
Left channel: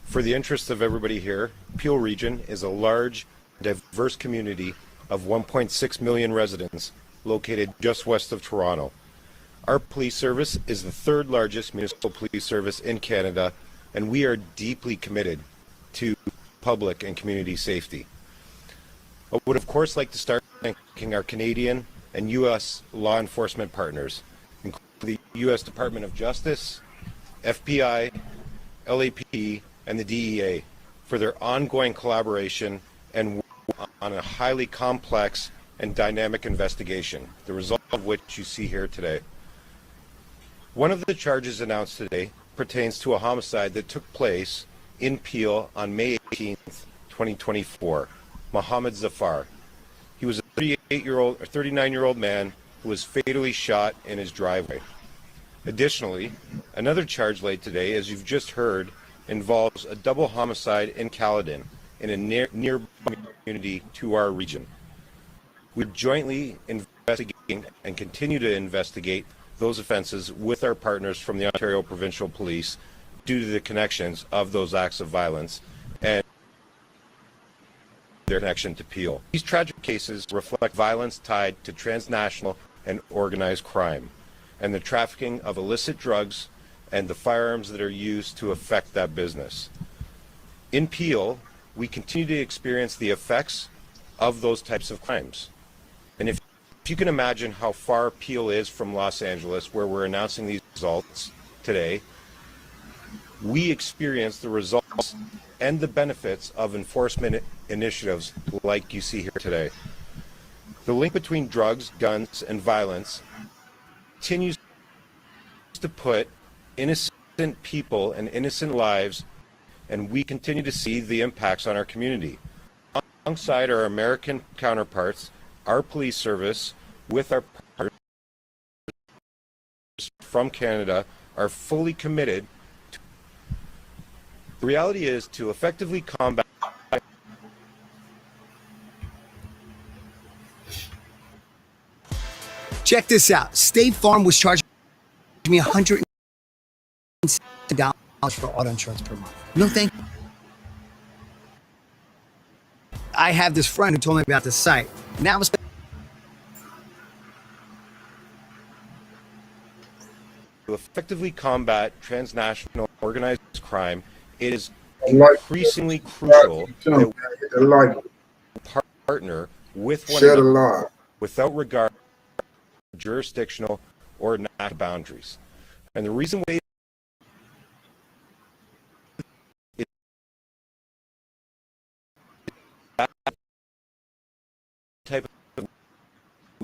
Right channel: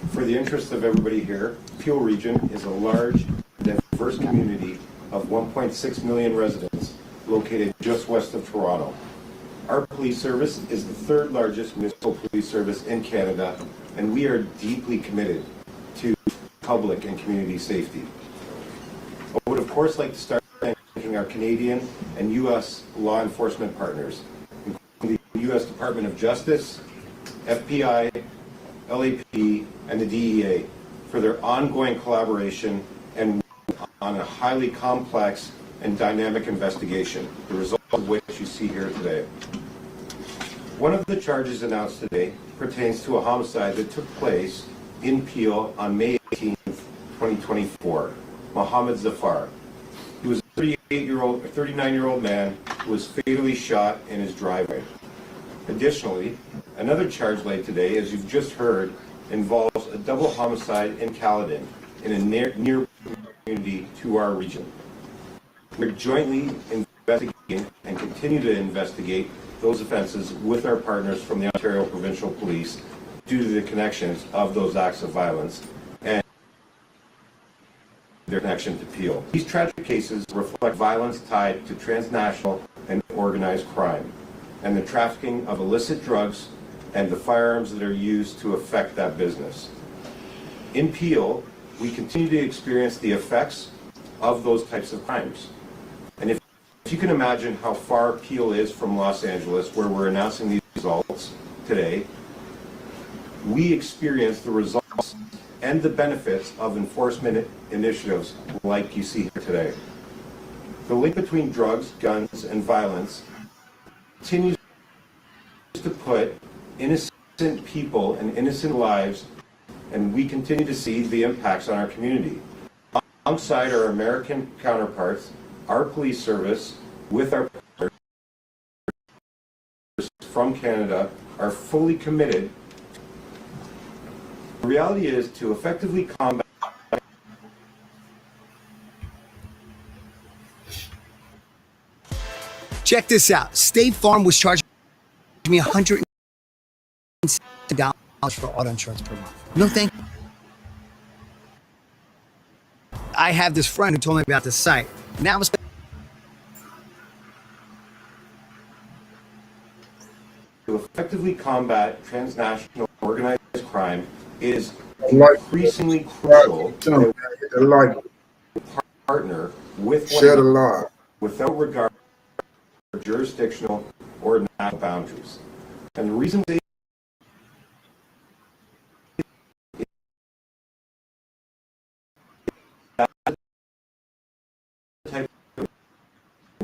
For the interest of everybody here, Peel Region is a large, diverse community of 1.6 million residents located just west of Toronto. Our police service is the 3rd largest municipal police service in Canada, and we are deeply committed to public and community safety. I would of course like to start by thanking our Canadian and U.S. law enforcement partners, including the U.S. Department of Justice, F.B.I, LAPD, and the DEA for their ongoing collaboration and work on a highly complex and dynamic investigation, the result of which you see here today. One of the charges announced today pertains to a homicide that took place in Peel on May 18th, 2024, Mohammed Zafar. He was a 39-year-old man who was fatally shot in his driveway. Additionally, another charge laid today, as you've just heard, involves a double homicide in Caledon, in a near community to our region. We're jointly investigating and continue to investigate those offenses with our partners from the Ontario Provincial Police due to the connections of those acts of violence and their connection to Peel. These tragic cases reflect violence tied to transnational and organized crime and the trafficking of illicit drugs and the firearms that are used to affect that business. In Peel, we continue to experience the effects of those types of crimes. And if you can imagine how far Peel is from Los Angeles, where we're announcing these results today, we experience the results and the benefits of enforcement initiatives like you see here today. The link between drugs, guns, and violence continues to put innocent people and innocent lives, and we continue to see the impacts on our community. Alongside our American counterparts, our police service, with our partners from Canada, are fully committed. The reality is to effectively combat Check this out. State Farm was charging me $100 for auto insurance per month. No thank you. I have this friend who told me about this site. Now I'm to effectively combat transnational organized crime. It is increasingly crucial that we partner with one another without regard for jurisdictional or national boundaries. And the reason we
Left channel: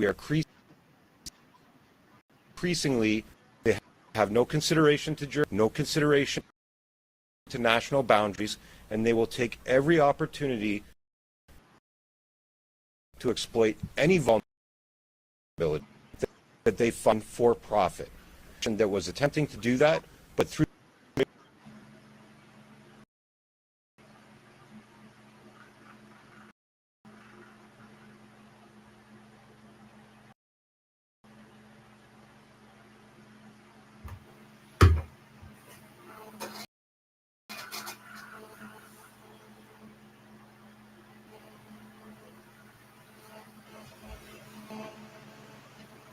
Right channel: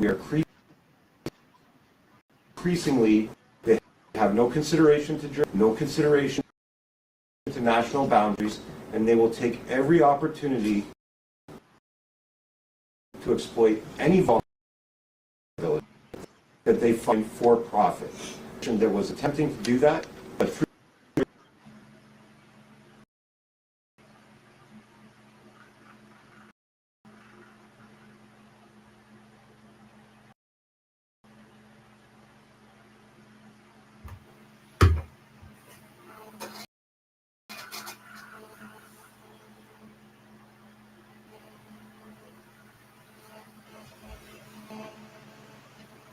are increasingly, they have no consideration to national boundaries, and they will take every opportunity to exploit any vulnerability that they find for profit. That was attempting to do that, but through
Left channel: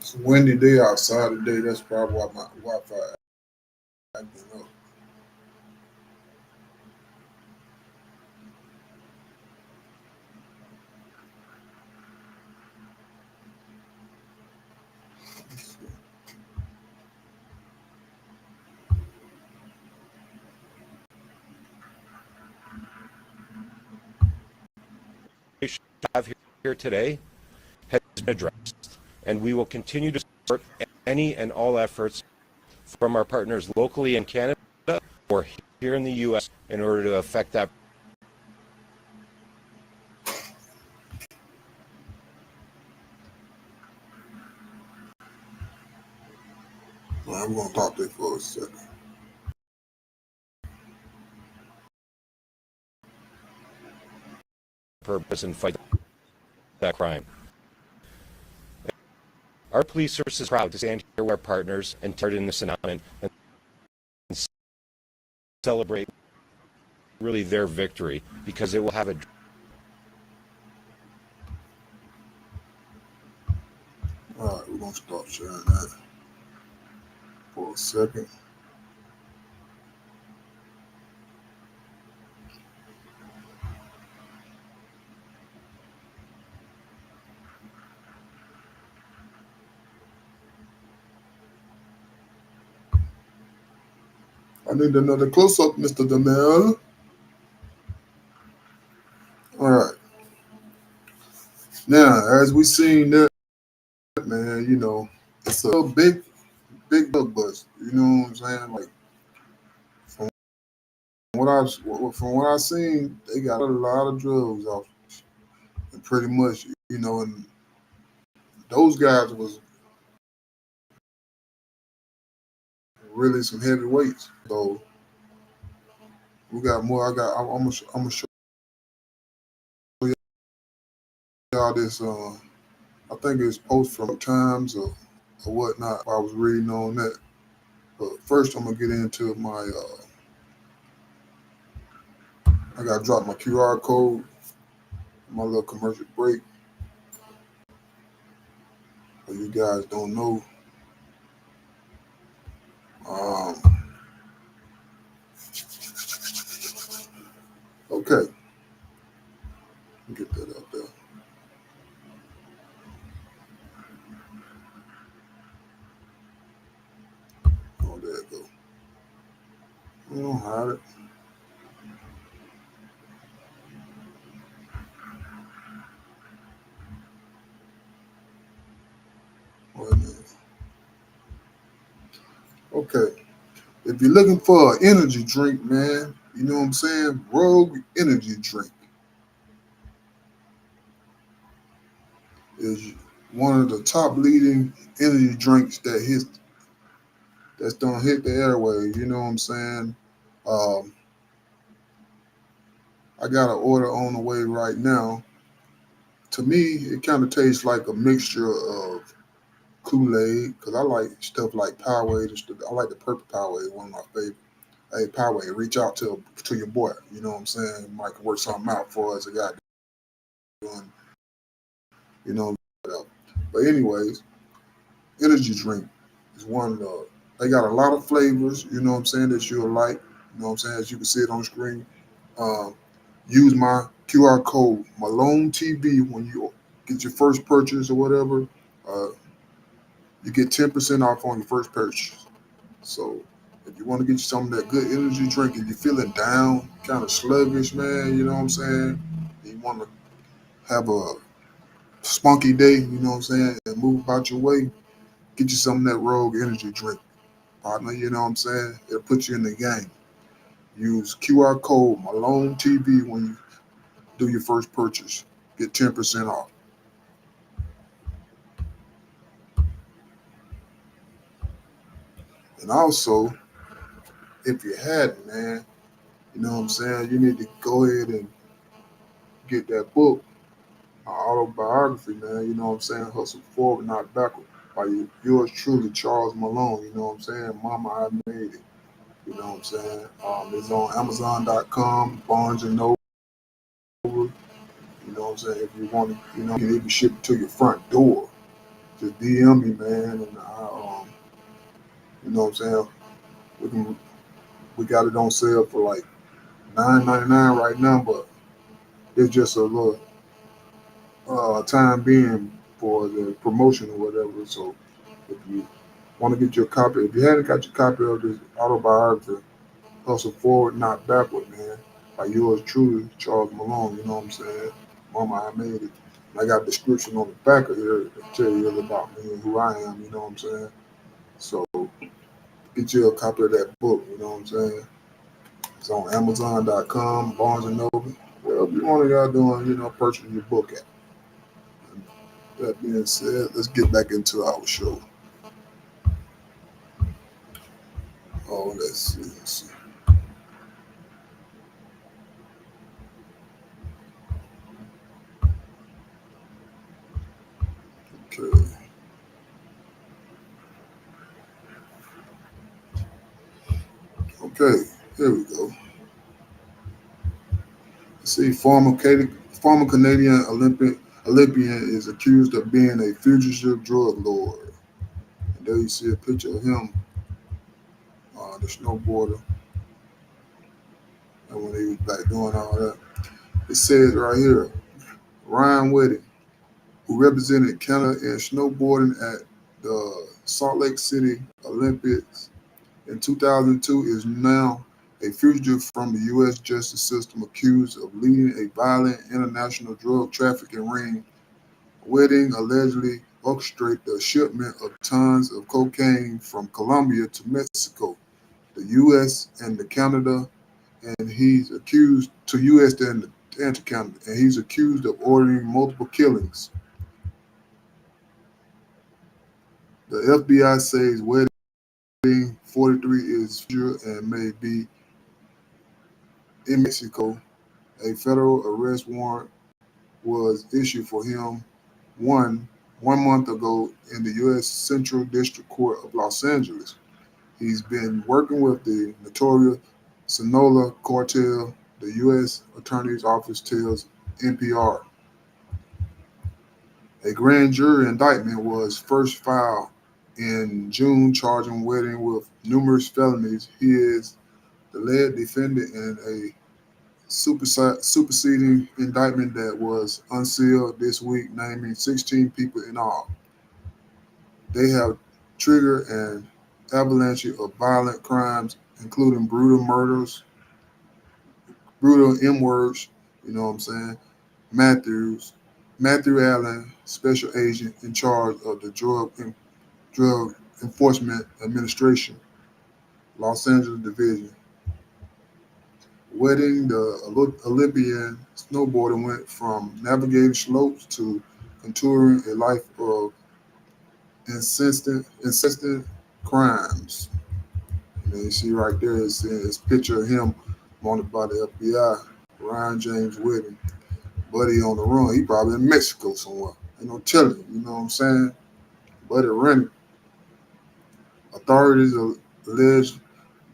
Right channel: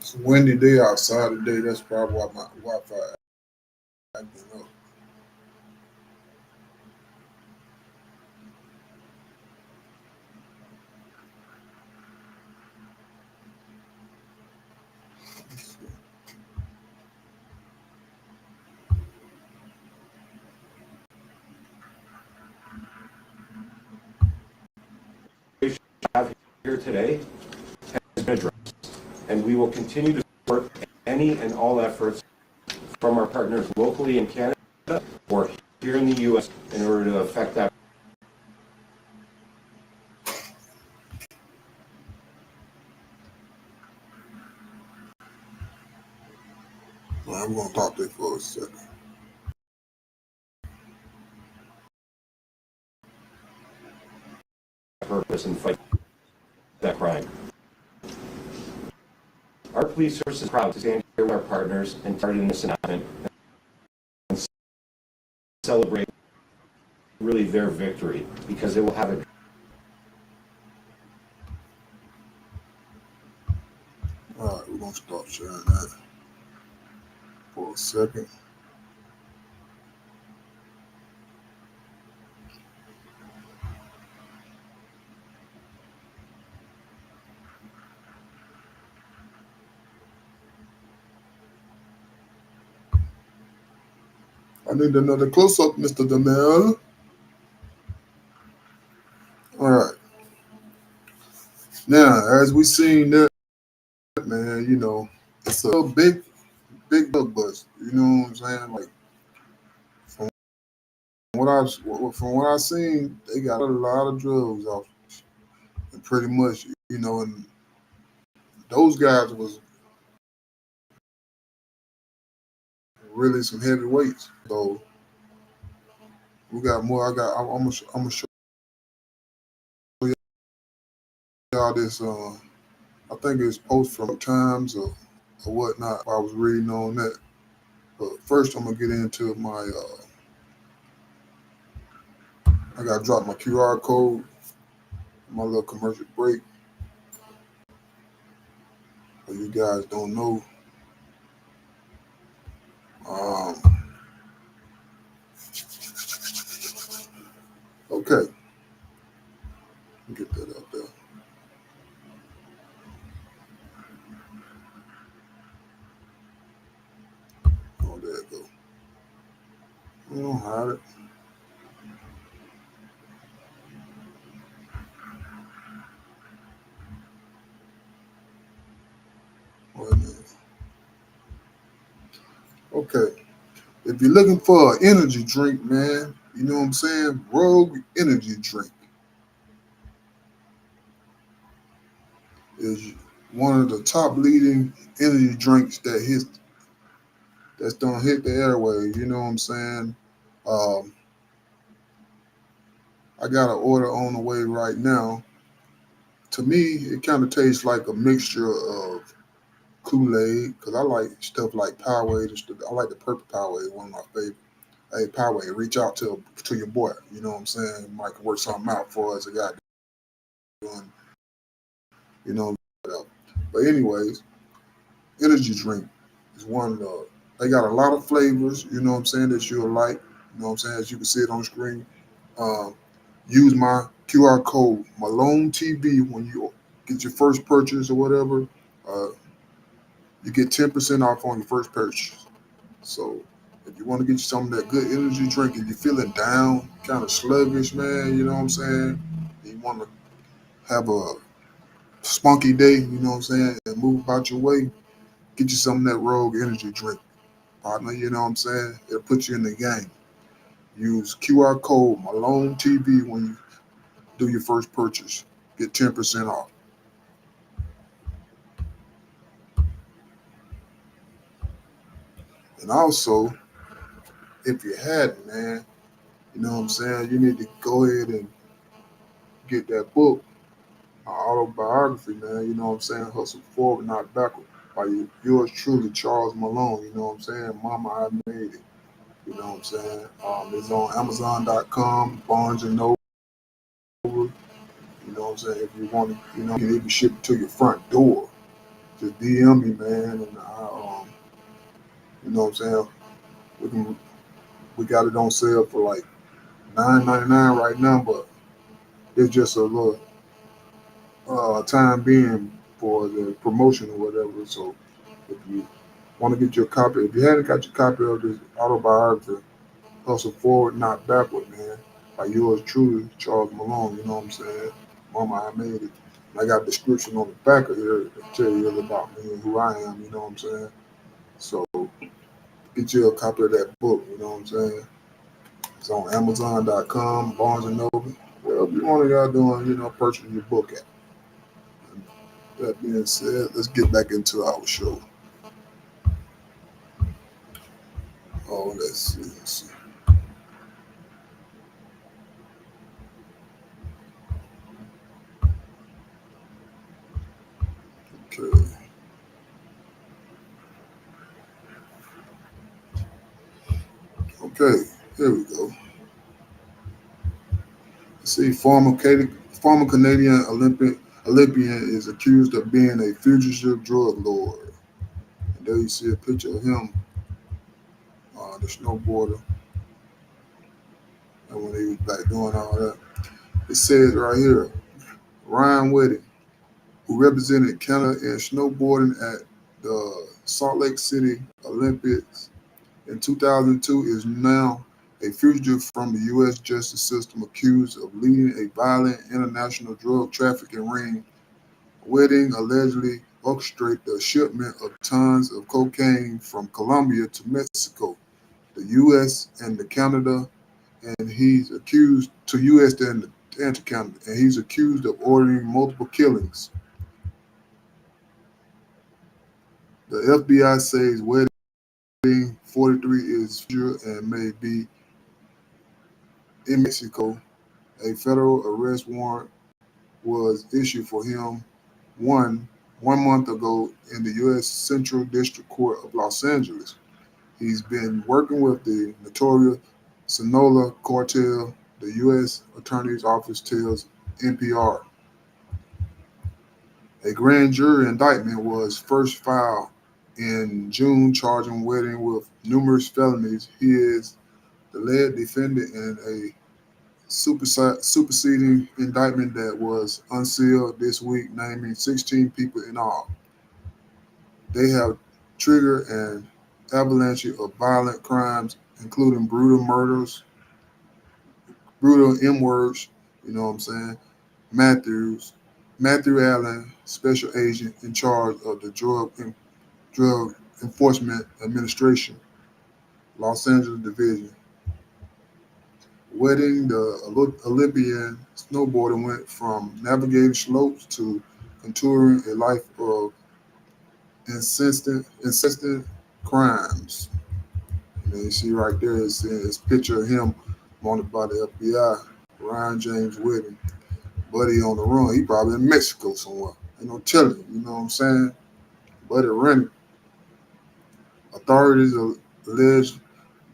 It's a windy day outside today. That's probably why my Wi-Fi acting up. have here today has been addressed, and we will continue to support any and all efforts from our partners locally in Canada or here in the U.S. in order to affect that. I'm going to talk to you for a second. Purpose and fight that crime. Our police service is proud to stand here with our partners and turn in this announcement and celebrate really their victory, because it will have a All right, we're going to stop sharing that for a second. I need another close-up, Mr. Damel. All right. Now, as we seen that, man, you know, it's a big bug bust. You know what I'm saying? Like, from what I've seen, they got a lot of drugs off, and pretty much, you know, and those guys was really some heavy weights. So we got more. I'm gonna show y'all this. I think it's post from Times or whatnot. I was reading on that. But first, I'm gonna get into my. I gotta drop my QR code, my little commercial break. But you guys don't know. Okay, get that out there. Oh, there it go. I don't hide it. Wait a minute. Okay, if you're looking for an energy drink, man, you know what I'm saying? Rogue Energy Drink is one of the top leading energy drinks that's gonna hit the airwaves. You know what I'm saying? Um, I got an order on the way right now. To me, it kind of tastes like a mixture of Kool-Aid because I like stuff like Powerade and stuff. I like the purple Powerade, one of my favorite. Hey, Powerade, reach out to your boy. You know what I'm saying? Might work something out for us. A guy doing, you know. But anyways, energy drink is one of the. They got a lot of flavors. You know what I'm saying that you'll like. You know what I'm saying, as you can see it on the screen. Um, use my QR code Malone TV when you get your first purchase or whatever. Uh, you get 10% off on your first purchase. So if you want to get you some of that good energy drink and you're feeling down, kind of sluggish, man, you know what I'm saying? You want to have a spunky day, you know what I'm saying, and move about your way, get you some of that Rogue Energy drink, partner, you know what I'm saying? It'll put you in the game. Use QR code Malone TV when you do your first purchase. Get 10% off. And also, if you hadn't, man, you know what I'm saying, you need to go ahead and get that book, my autobiography, man. You know what I'm saying? Hustle Forward, Not Backward. By yours truly, Charles Malone. You know what I'm saying? Mama, I made it. You know what I'm saying? It's on Amazon.com, Barnes and Noble. You know what I'm saying? If you want to, you know, you can even ship it to your front door. Just DM me, man, and you know what I'm saying? We can, we got it on sale for like $9.99 right now, but it's just a little time being for the promotion or whatever. So if you want to get your copy, if you haven't got your copy of this autobiography, Hustle Forward, Not Backward, man, by yours truly, Charles Malone, you know what I'm saying? Mama, I made it. And I got a description on the back of here to tell you about me and who I am, you know what I'm saying? So get you a copy of that book, you know what I'm saying? It's on Amazon.com, Barnes and Noble. Wherever you want to y'all doing, you know, purchasing your book at. And that being said, let's get back into our show. Oh, let's see. Okay. Okay, here we go. See, former Canadian Olympian is accused of being a fugitive drug lord. And there you see a picture of him, the snowboarder, and when he was back doing all that. It says right here, Ryan Wedding, who represented Canada in snowboarding at the Salt Lake City Olympics in 2002, is now a fugitive from the U.S. justice system, accused of leading a violent international drug trafficking ring. Wedding allegedly orchestrated the shipment of tons of cocaine from Colombia to Mexico, the U.S. and the Canada, and he's accused to U.S. and to Canada, and he's accused of ordering multiple killings. The FBI says Wedding, 43, is fugitive and may be in Mexico. A federal arrest warrant was issued for him one month ago in the U.S. Central District Court of Los Angeles. He's been working with the notorious Sinaloa cartel, the U.S. Attorney's Office tells NPR. A grand jury indictment was first filed in June charging Wedding with numerous felonies. He is the lead defendant in a superseding indictment that was unsealed this week, naming 16 people in all. They have triggered an avalanche of violent crimes, including brutal murders, brutal M words, you know what I'm saying? Matthews, Matthew Allen, special agent in charge of the Drug Enforcement Administration, Los Angeles Division. Wedding the Olympian snowboarder went from navigating slopes to contouring a life of insistent crimes. And then you see right there, it's a picture of him wanted by the FBI, Ryan James Wedding. Buddy on the run. He probably in Mexico somewhere. Ain't no telling, you know what I'm saying? Buddy running. Authorities allege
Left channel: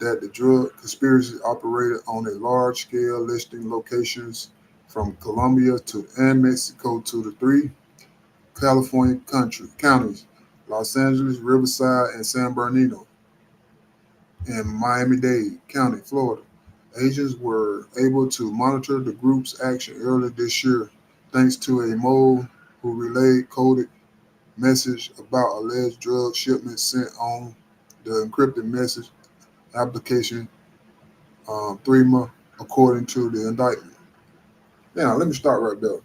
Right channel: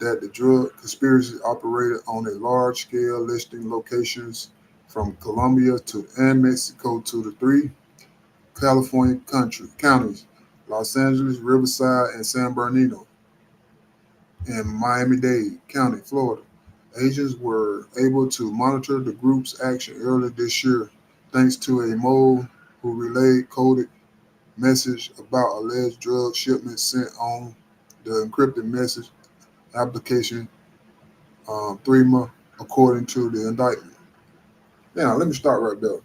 that the drug conspiracy operated on a large scale, listing locations from Colombia to and Mexico to the three California counties, Los Angeles, Riverside, and San Bernardino, and Miami-Dade County, Florida. Agents were able to monitor the group's action earlier this year thanks to a mole who relayed coded message about alleged drug shipments sent on the encrypted message application 3 months, according to the indictment. Now, let me start right there.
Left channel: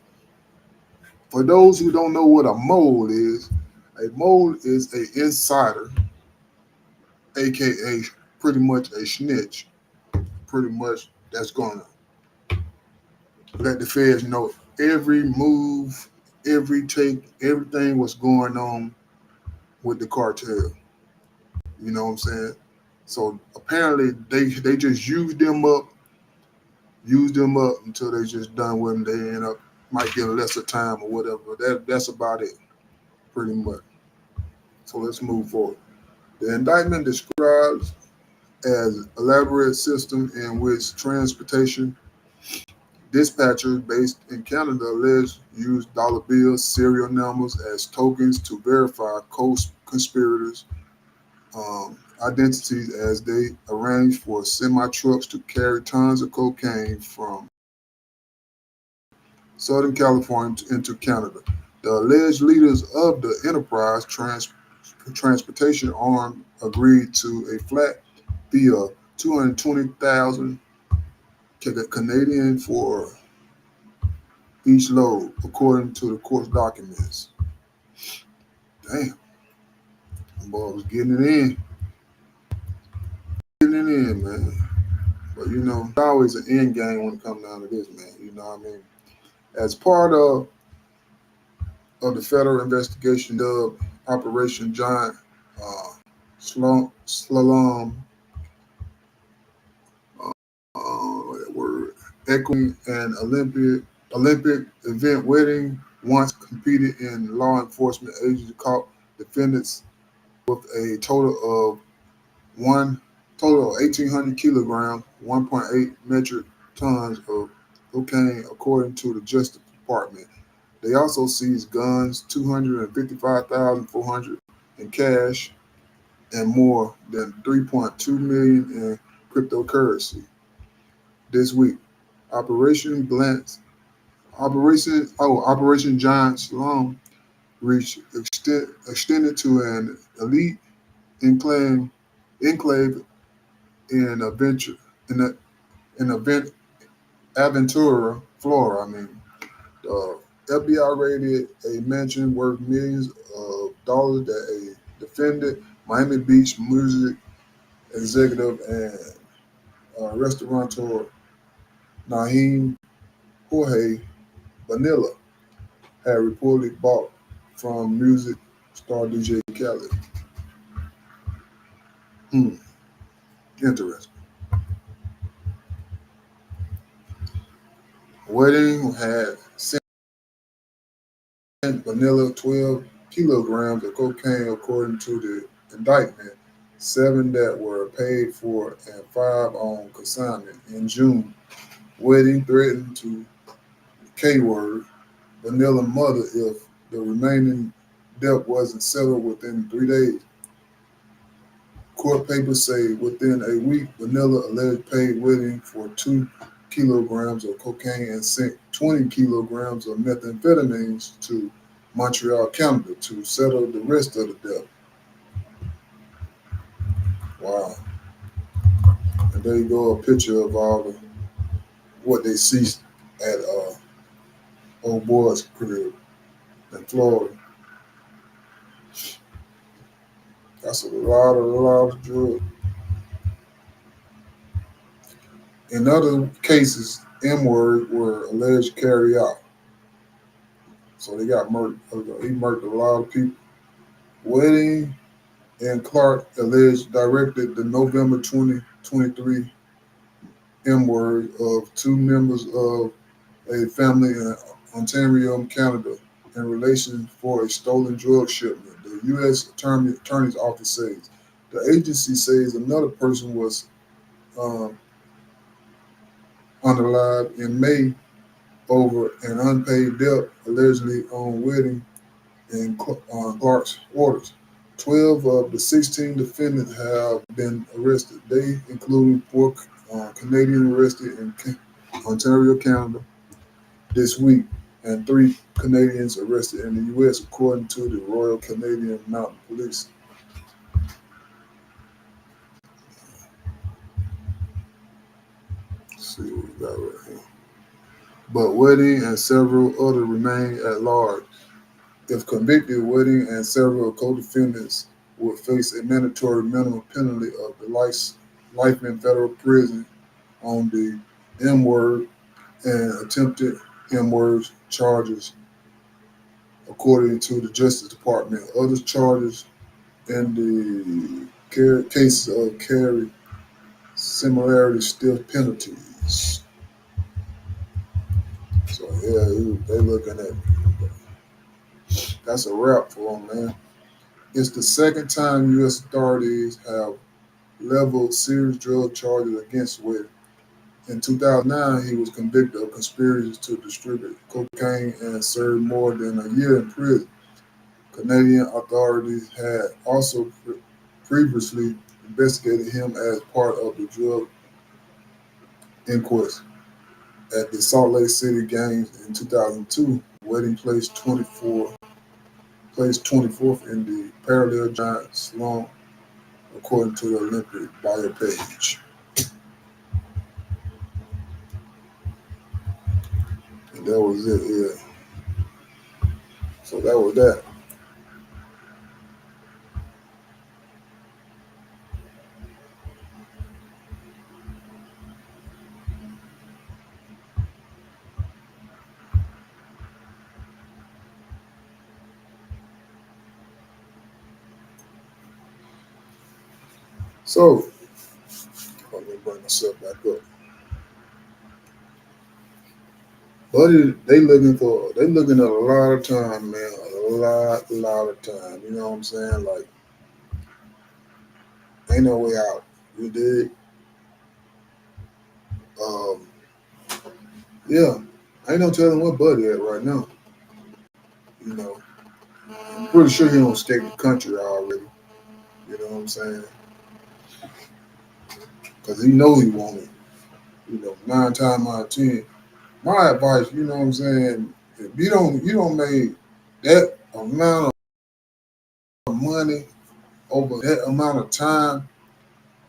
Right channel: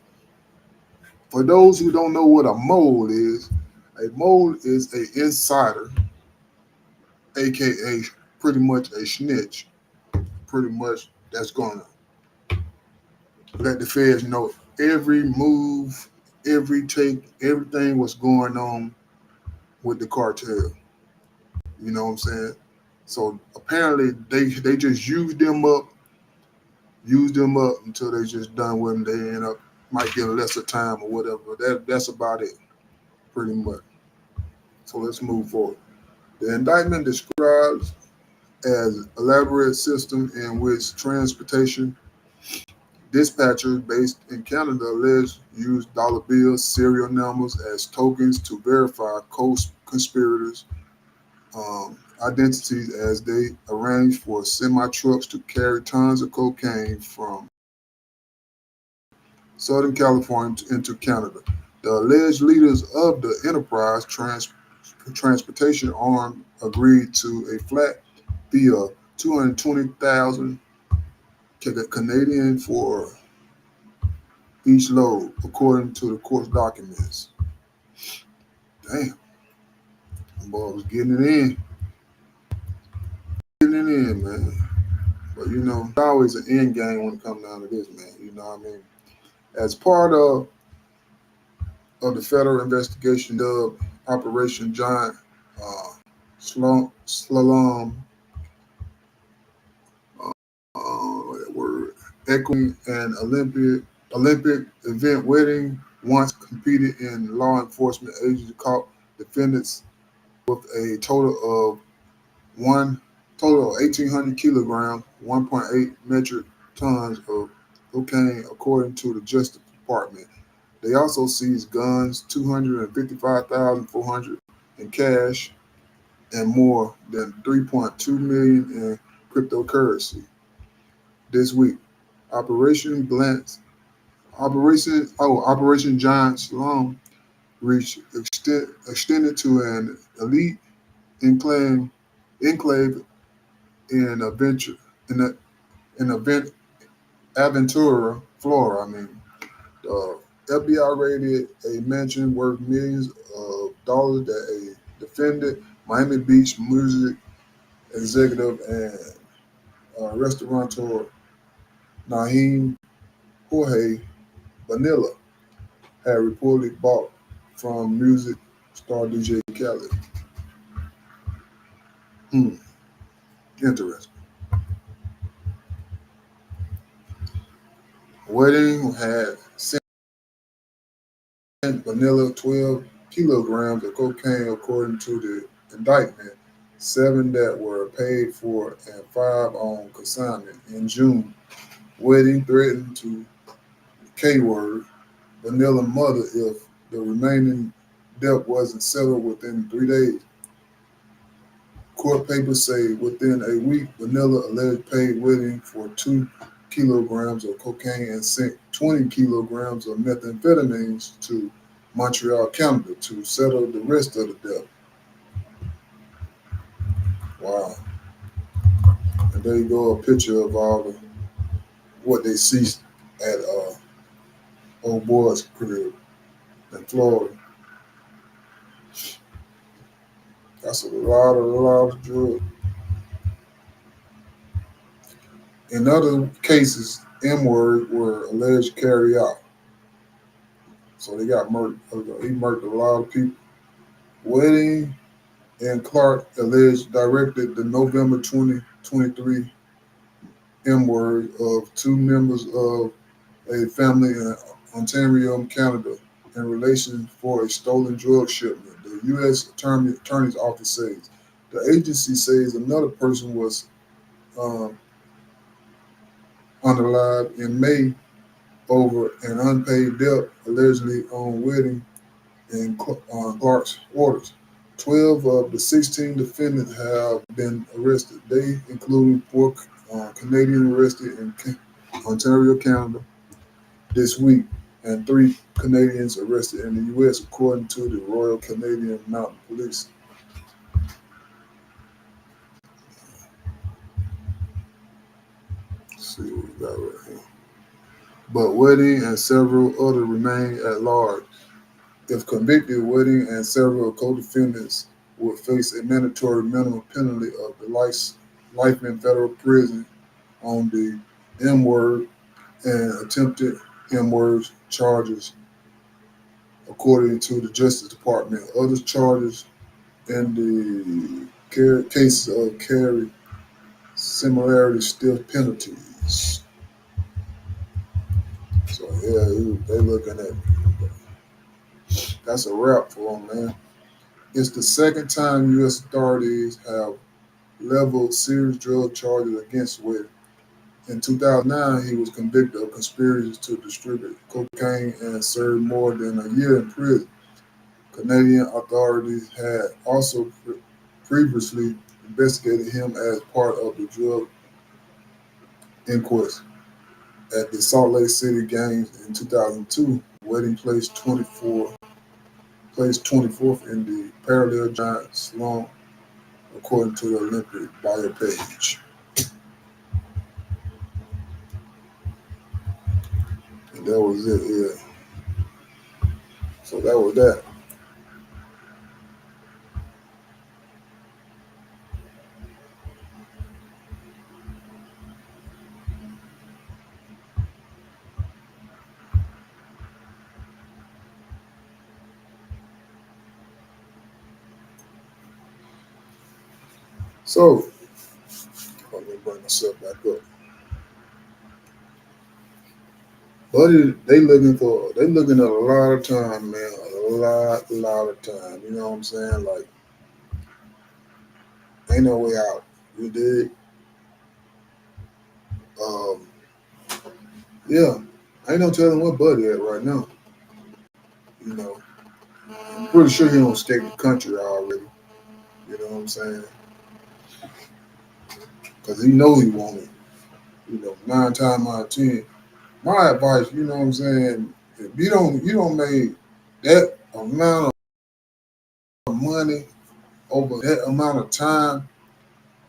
For those who don't know what a mole is an insider, aka pretty much a snitch, pretty much that's gonna let the feds know every move, every take, everything what's going on with the cartel. You know what I'm saying? So apparently they just use them up until they just done with them. They end up might get a lesser time or whatever. That's about it, pretty much. So let's move forward. The indictment describes as elaborate system in which transportation dispatchers based in Canada alleged use dollar bills, serial numbers as tokens to verify co-conspirators' identities as they arrange for semi-trucks to carry tons of cocaine from Southern California into Canada. The alleged leaders of the enterprise transportation arm agreed to a flat fee of 220,000 Canadian for each load, according to the court documents. Damn, them boy was getting it in, man. But you know, it's always an end game when it comes down to this, man. You know what I mean? As part of the federal investigation dubbed Operation Giant Slalom, that word, echoing an Olympic event wedding once competed in law enforcement agencies caught defendants with a total of 1,800 kilograms, 1.8 metric tons of cocaine, according to the Justice Department. They also seized guns, 255,400 in cash, and more than 3.2 million in cryptocurrency this week. Operation Giant Slalom reach extended to an elite enclave in Adventure in event Aventura, Florida. I mean, the FBI raided a mansion worth millions of dollars that a defendant, Miami Beach music executive and restaurateur Naheem Jorge Vanilla had reportedly bought from music star DJ Khaled. Interesting. Wedding had sent Vanilla 12 kilograms of cocaine, according to the indictment, 7 that were paid for and 5 on consignment. In June, Wedding threatened to K-word Vanilla mother if the remaining debt wasn't settled within 3 days. Court papers say within a week, Vanilla alleged paid Wedding for 2 kilograms of cocaine and sent 20 kilograms of methamphetamines to Montreal, Canada to settle the rest of the debt. Wow. And there you go, a picture of all the what they seized at old boy's crib in Florida. That's a lot of drugs. In other cases, M-word were alleged to carry out. So they got murdered. He murdered a lot of people. Wedding and Clark alleged directed the November 2023 M-word of two members of a family in Ontario, Canada, in relation for a stolen drug shipment. The U.S. Attorney's Office says. The agency says another person was unalive in May over an unpaid debt allegedly on Wedding and Clark's orders. 12 of the 16 defendants have been arrested. They include 4 Canadians arrested in Ontario, Canada this week, and 3 Canadians arrested in the U.S., according to the Royal Canadian Mounted Police. Let's see what we got right here. But Wedding and several others remain at large. If convicted, Wedding and several co-defendants would face a mandatory minimum penalty of the life in federal prison on the M-word and attempted M-word charges, according to the Justice Department. Other charges in the cases of carry similarly stiff penalties. So yeah, they looking at that's a wrap for them, man. It's the second time U.S. authorities have leveled serious drug charges against Wedding. In 2009, he was convicted of conspiracy to distribute cocaine and served more than a year in prison. Canadian authorities had also previously investigated him as part of the drug inquest at the Salt Lake City Games in 2002. Wedding placed 24th in the parallel giant slalom, according to the Oylmpic bio page. And that was it, yeah. So that was that. So let me bring myself back up. Buddy, they looking at a lot of time, man. A lot of time. You know what I'm saying? Like, ain't no way out. You dig? Um, yeah. Ain't no telling what Buddy at right now. You know. I'm pretty sure he don't escape the country already. You know what I'm saying? Because he know he want it. You know, 9 times out of 10. My advice, you know what I'm saying, if you don't make that amount of money over that amount of time,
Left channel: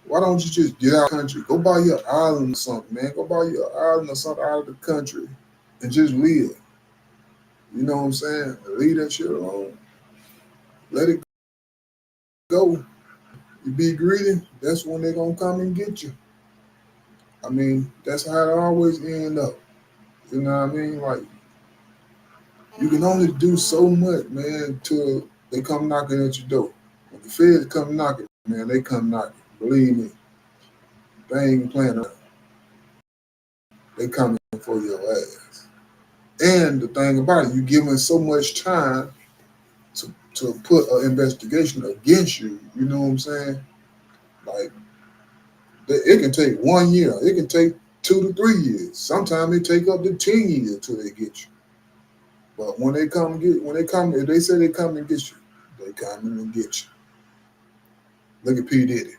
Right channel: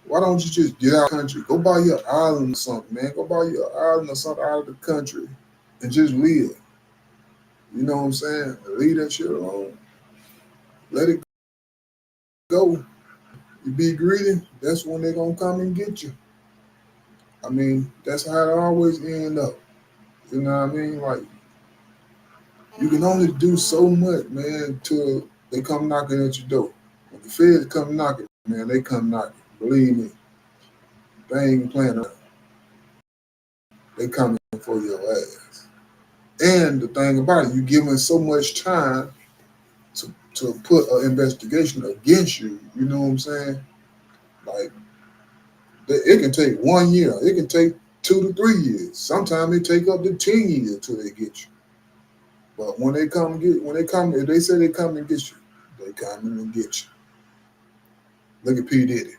why don't you just get out of the country? Go buy your island or something, man. Go buy your island or something out of the country and just live. You know what I'm saying? Leave that shit alone. Let it go. You be greedy, that's when they're gonna come and get you. I mean, that's how it always end up. You know what I mean? Like, you can only do so much, man, till they come knocking at your door. When the feds come knocking, man, they come knocking. Believe me, they ain't playing around. They coming for your ass. And the thing about it, you giving so much time to put an investigation against you. You know what I'm saying? Like, it can take 1 year. It can take 2 to 3 years. Sometimes it take up to 10 years till they get you. But when they come, if they say they come and get you, they come and get you. Look at P. Diddy.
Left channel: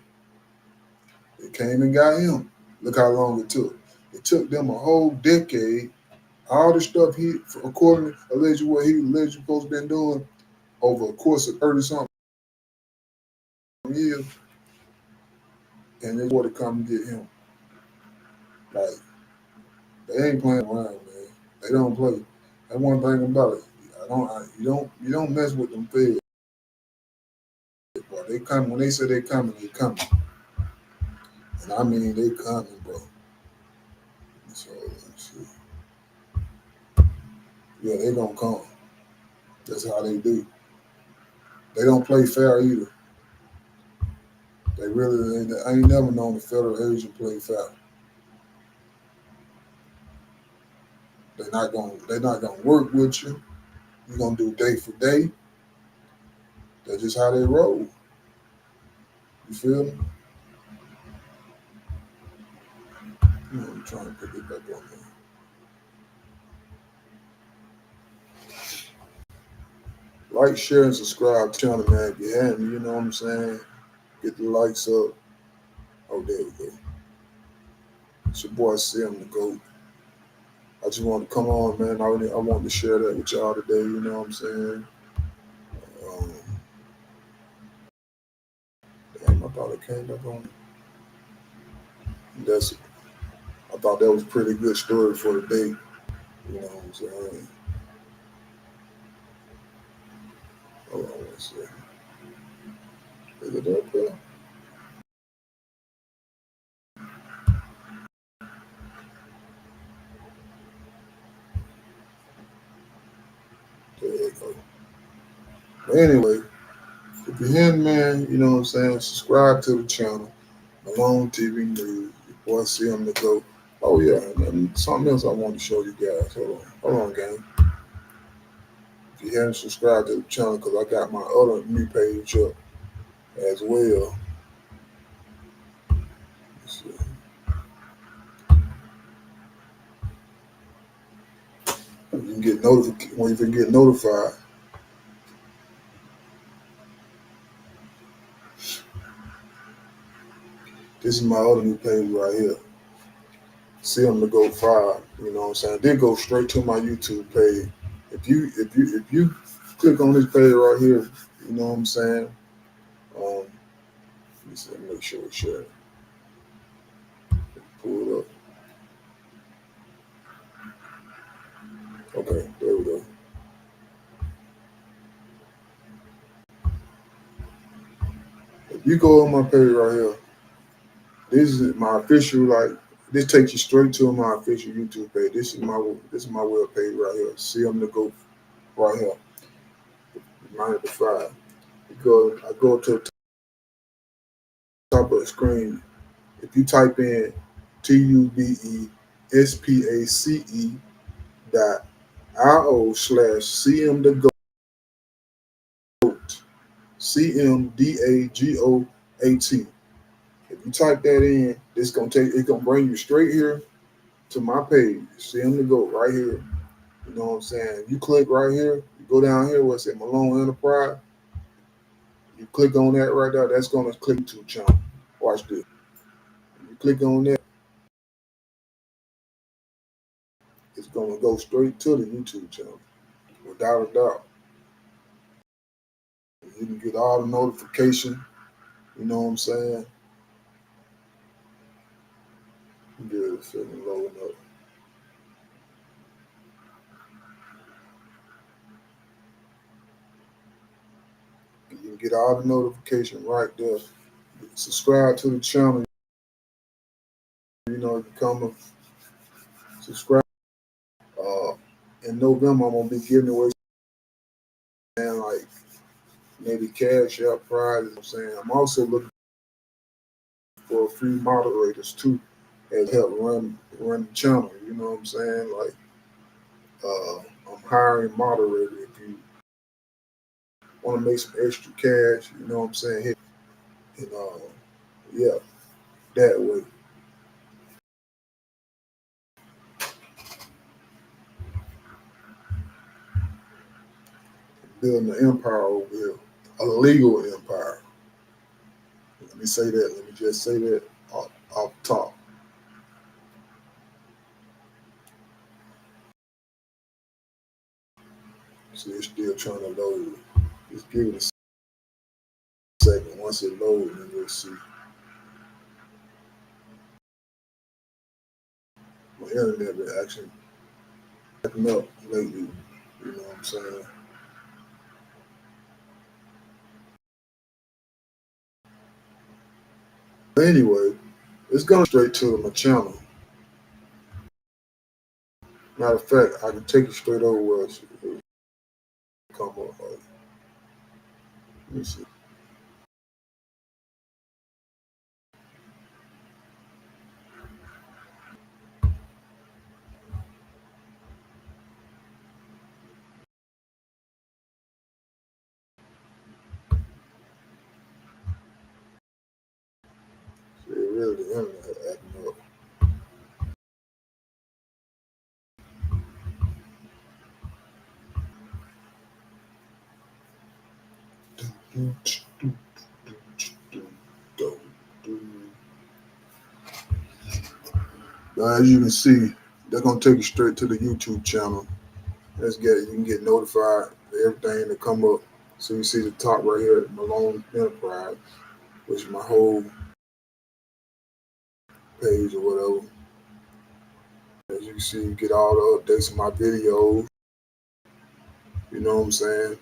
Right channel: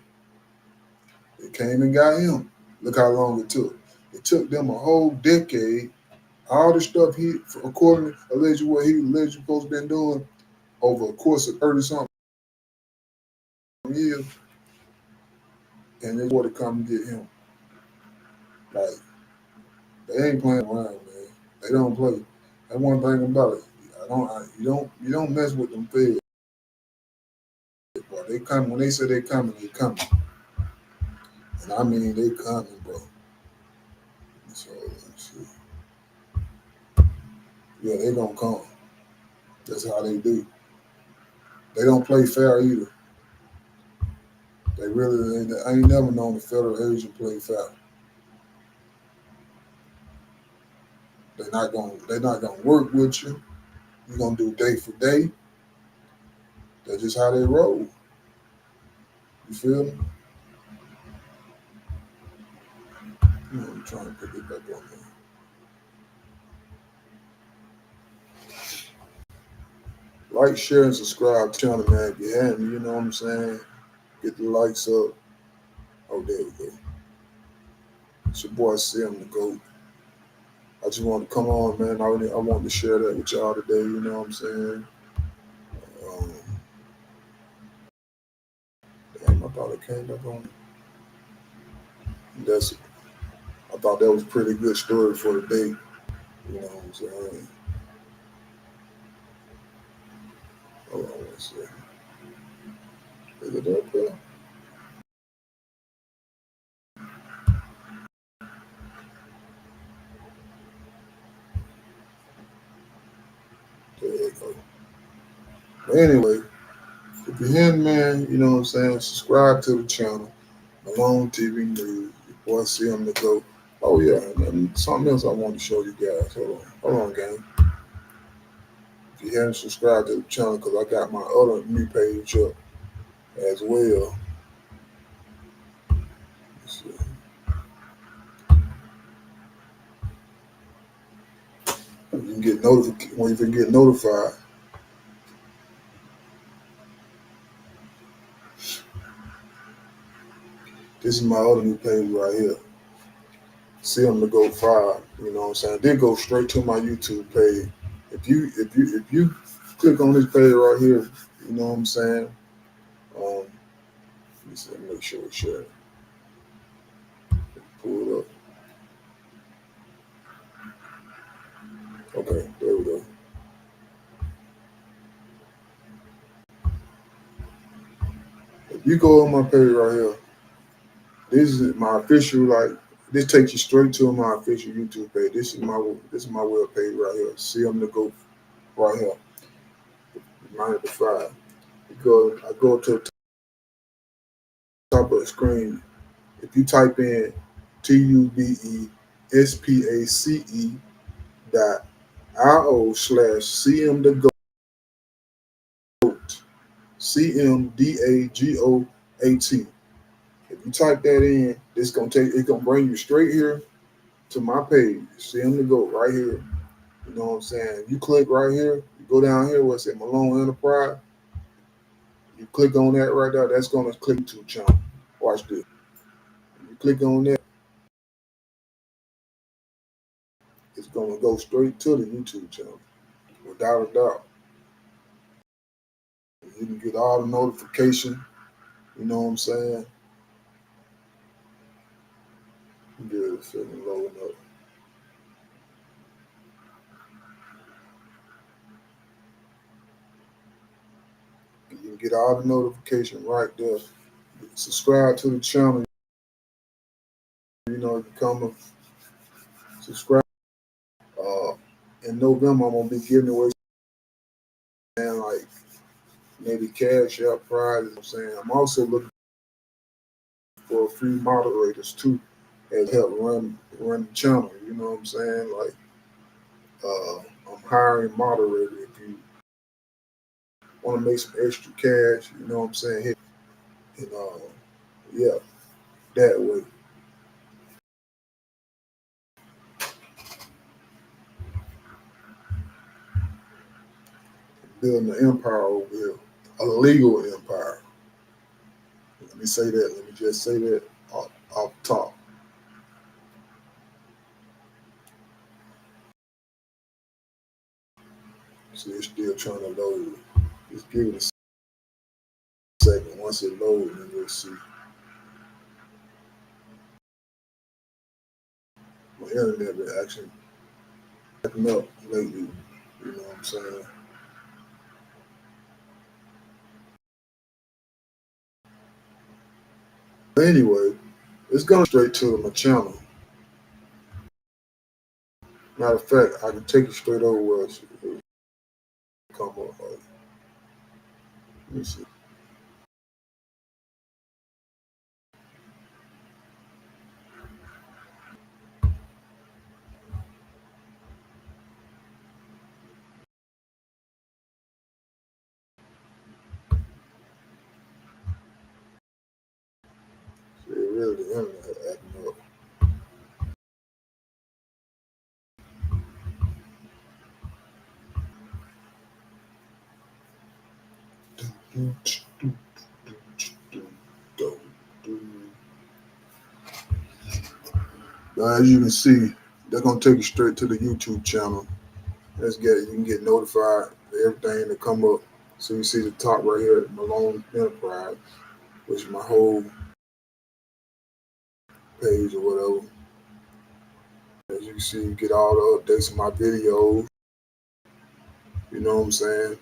They came and got him. Look how long it took. It took them a whole decade. All the stuff he, according to allegedly what he allegedly supposed to been doing over a course of 30 something years, and they want to come and get him. Like, they ain't playing around, man. They don't play. That's one thing about it. You don't mess with them feds. Bro. They come when they say they coming, they coming. And I mean they coming, bro. So let's see. Yeah, they gonna come. That's how they do. They don't play fair either. They really, I ain't never known a federal agent play fair. They're not gonna work with you. You're gonna do day for day. That's just how they roll. You feel me? I'm trying to put it back on there. Like, share, and subscribe to the channel, man. If you haven't, you know what I'm saying? Get the likes up. Oh, there we go. It's your boy Sim the GOAT. I just wanted to come on, man. I wanted to share that with y'all today, you know what I'm saying? Damn, I thought it came back on. I thought that was a pretty good story for the day, you know what I'm saying? Hold on one second. Is it up there? There you go. But anyway, if you're here, man, you know what I'm saying? Subscribe to the channel. Malone TV News. Your boy Sim the GOAT. Oh yeah, and something else I want to show you guys. Hold on, gang. If you haven't subscribed to the channel, because I got my other new page up as well. Let's see. You can get notified when you can get notified. This is my other new page right here. See them to go 5. You know what I'm saying? Then go straight to my YouTube page. If you click on this page right here, you know what I'm saying? Let me see, make sure it's shared. Pull it up. Okay, there we go. If you go on my page right here, this is my official, like, this takes you straight to my official YouTube page. This is my web page right here. See them to go right here. Mine at the 5. Because I go to the top of the screen. If you type in TUBESPACE.IO/CM the GOAT. CMDAGOAT. If you type that in, it's gonna bring you straight here to my page. CM the GOAT right here. You know what I'm saying? You click right here, you go down here where it says Malone Enterprise. You click on that right there, that's gonna click to the channel. Watch this. You click on that, it's gonna go straight to the YouTube channel, without a doubt. You can get all the notification. You know what I'm saying? Good, it's feeling loading up. You can get all the notification right there. Subscribe to the channel. You know, become a subscribe. In November, I'm gonna be giving away and like maybe cash out prizes. I'm saying I'm also looking for a few moderators too, and help run the channel. You know what I'm saying? Like I'm hiring moderators. If you want to make some extra cash, you know what I'm saying? Hit, and yeah, that way. Building an empire over here, a legal empire. Let me say that. Let me just say that off top. See, it's still trying to load. Just give it a second. Once it loads, then we'll see. My internet been actually acting up lately. You know what I'm saying? But anyway, it's going straight to my channel. Matter of fact, I can take it straight over where it come up. Let me see. See, really, the internet acting up. As you can see, they're gonna take you straight to the YouTube channel. Let's get it. You can get notified for everything that come up. So you see the top right here, Malone Enterprise, which is my whole page or whatever. As you can see, you get all the updates of my videos. You know what I'm saying?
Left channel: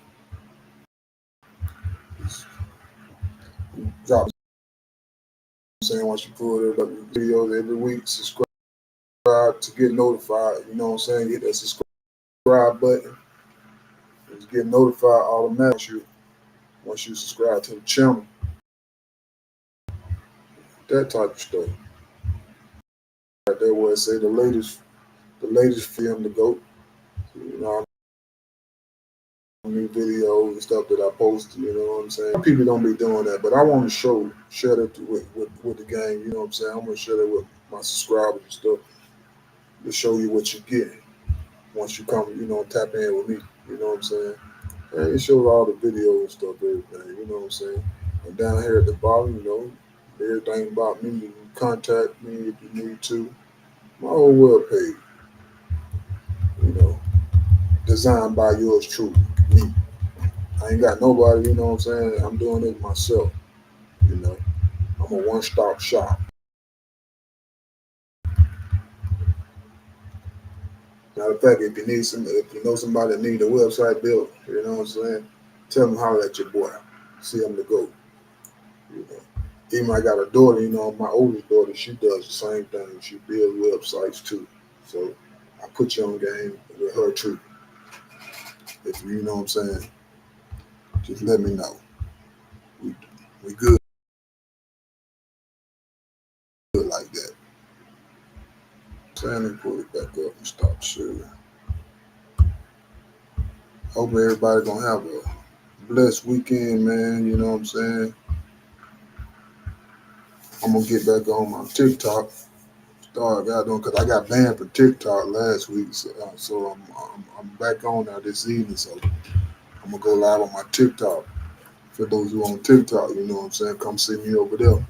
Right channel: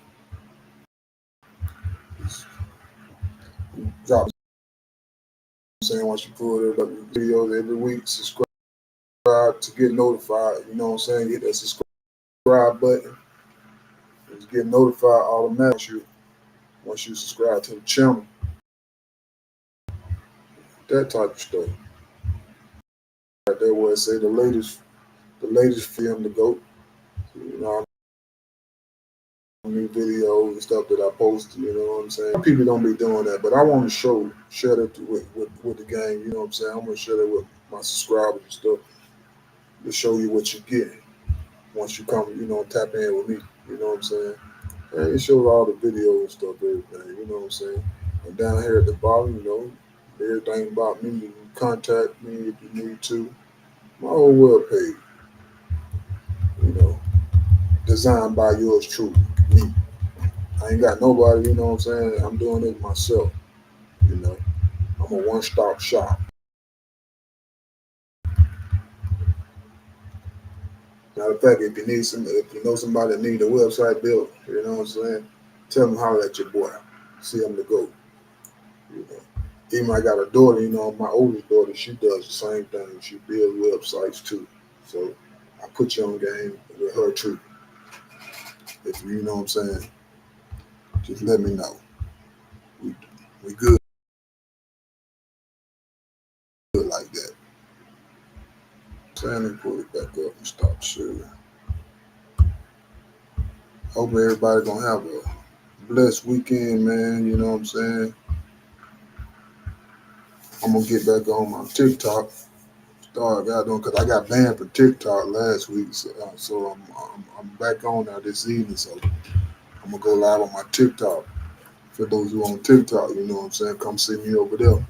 Drop it. I'm saying once you pull it up, videos every week, subscribe to get notified. You know what I'm saying? Hit that subscribe button. Just get notified automatically once you subscribe to the channel. That type of stuff. Right there where it say the latest film to go. You know, new videos and stuff that I post, you know what I'm saying? Some people don't be doing that, but I want to share that with the gang, you know what I'm saying? I'm going to share that with my subscribers and stuff to show you what you get once you come, you know, tap in with me, you know what I'm saying? And it shows all the videos and stuff, everything, you know what I'm saying? And down here at the bottom, you know, everything about me, you can contact me if you need to. My whole web page, you know, designed by yours truly, me. I ain't got nobody, you know what I'm saying? I'm doing it myself, you know. I'm a one-stop shop. Matter of fact, if you know somebody that need a website built, you know what I'm saying? Tell them holler at your boy. See them to go. You know. Even I got a daughter, you know, my oldest daughter, she does the same thing. She builds websites too. So I put you on game with her too. If you know what I'm saying, just let me know. We good like that. Let me pull it back up and stop sharing. Hope everybody gonna have a blessed weekend, man. You know what I'm saying? I'm gonna get back on my TikTok. Start got on because I got banned from TikTok last week, so I'm back on now this evening. So I'm gonna go live on my TikTok. For those who on TikTok, you know what I'm saying? Come see me over there.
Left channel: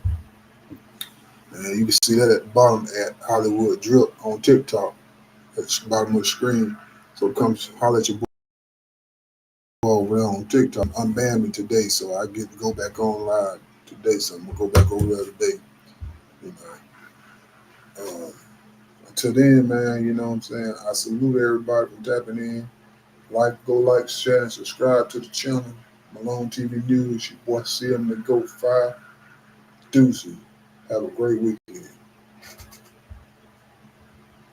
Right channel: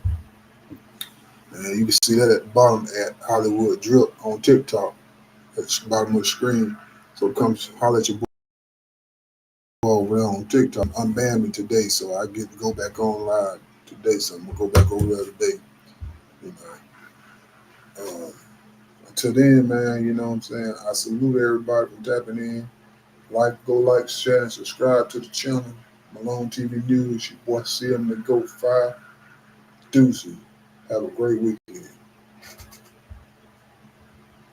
And you can see that at the bottom at Hollywood Drip on TikTok at the bottom of the screen. So come holler at your boy over there on TikTok. Unbanned me today, so I get to go back on live today. So I'm gonna go back over there today. You know. Until then, man, you know what I'm saying? I salute everybody for tapping in. Like, share, and subscribe to the channel. Malone TV News, your boy CM the Go 5. Deuces. Have a great weekend.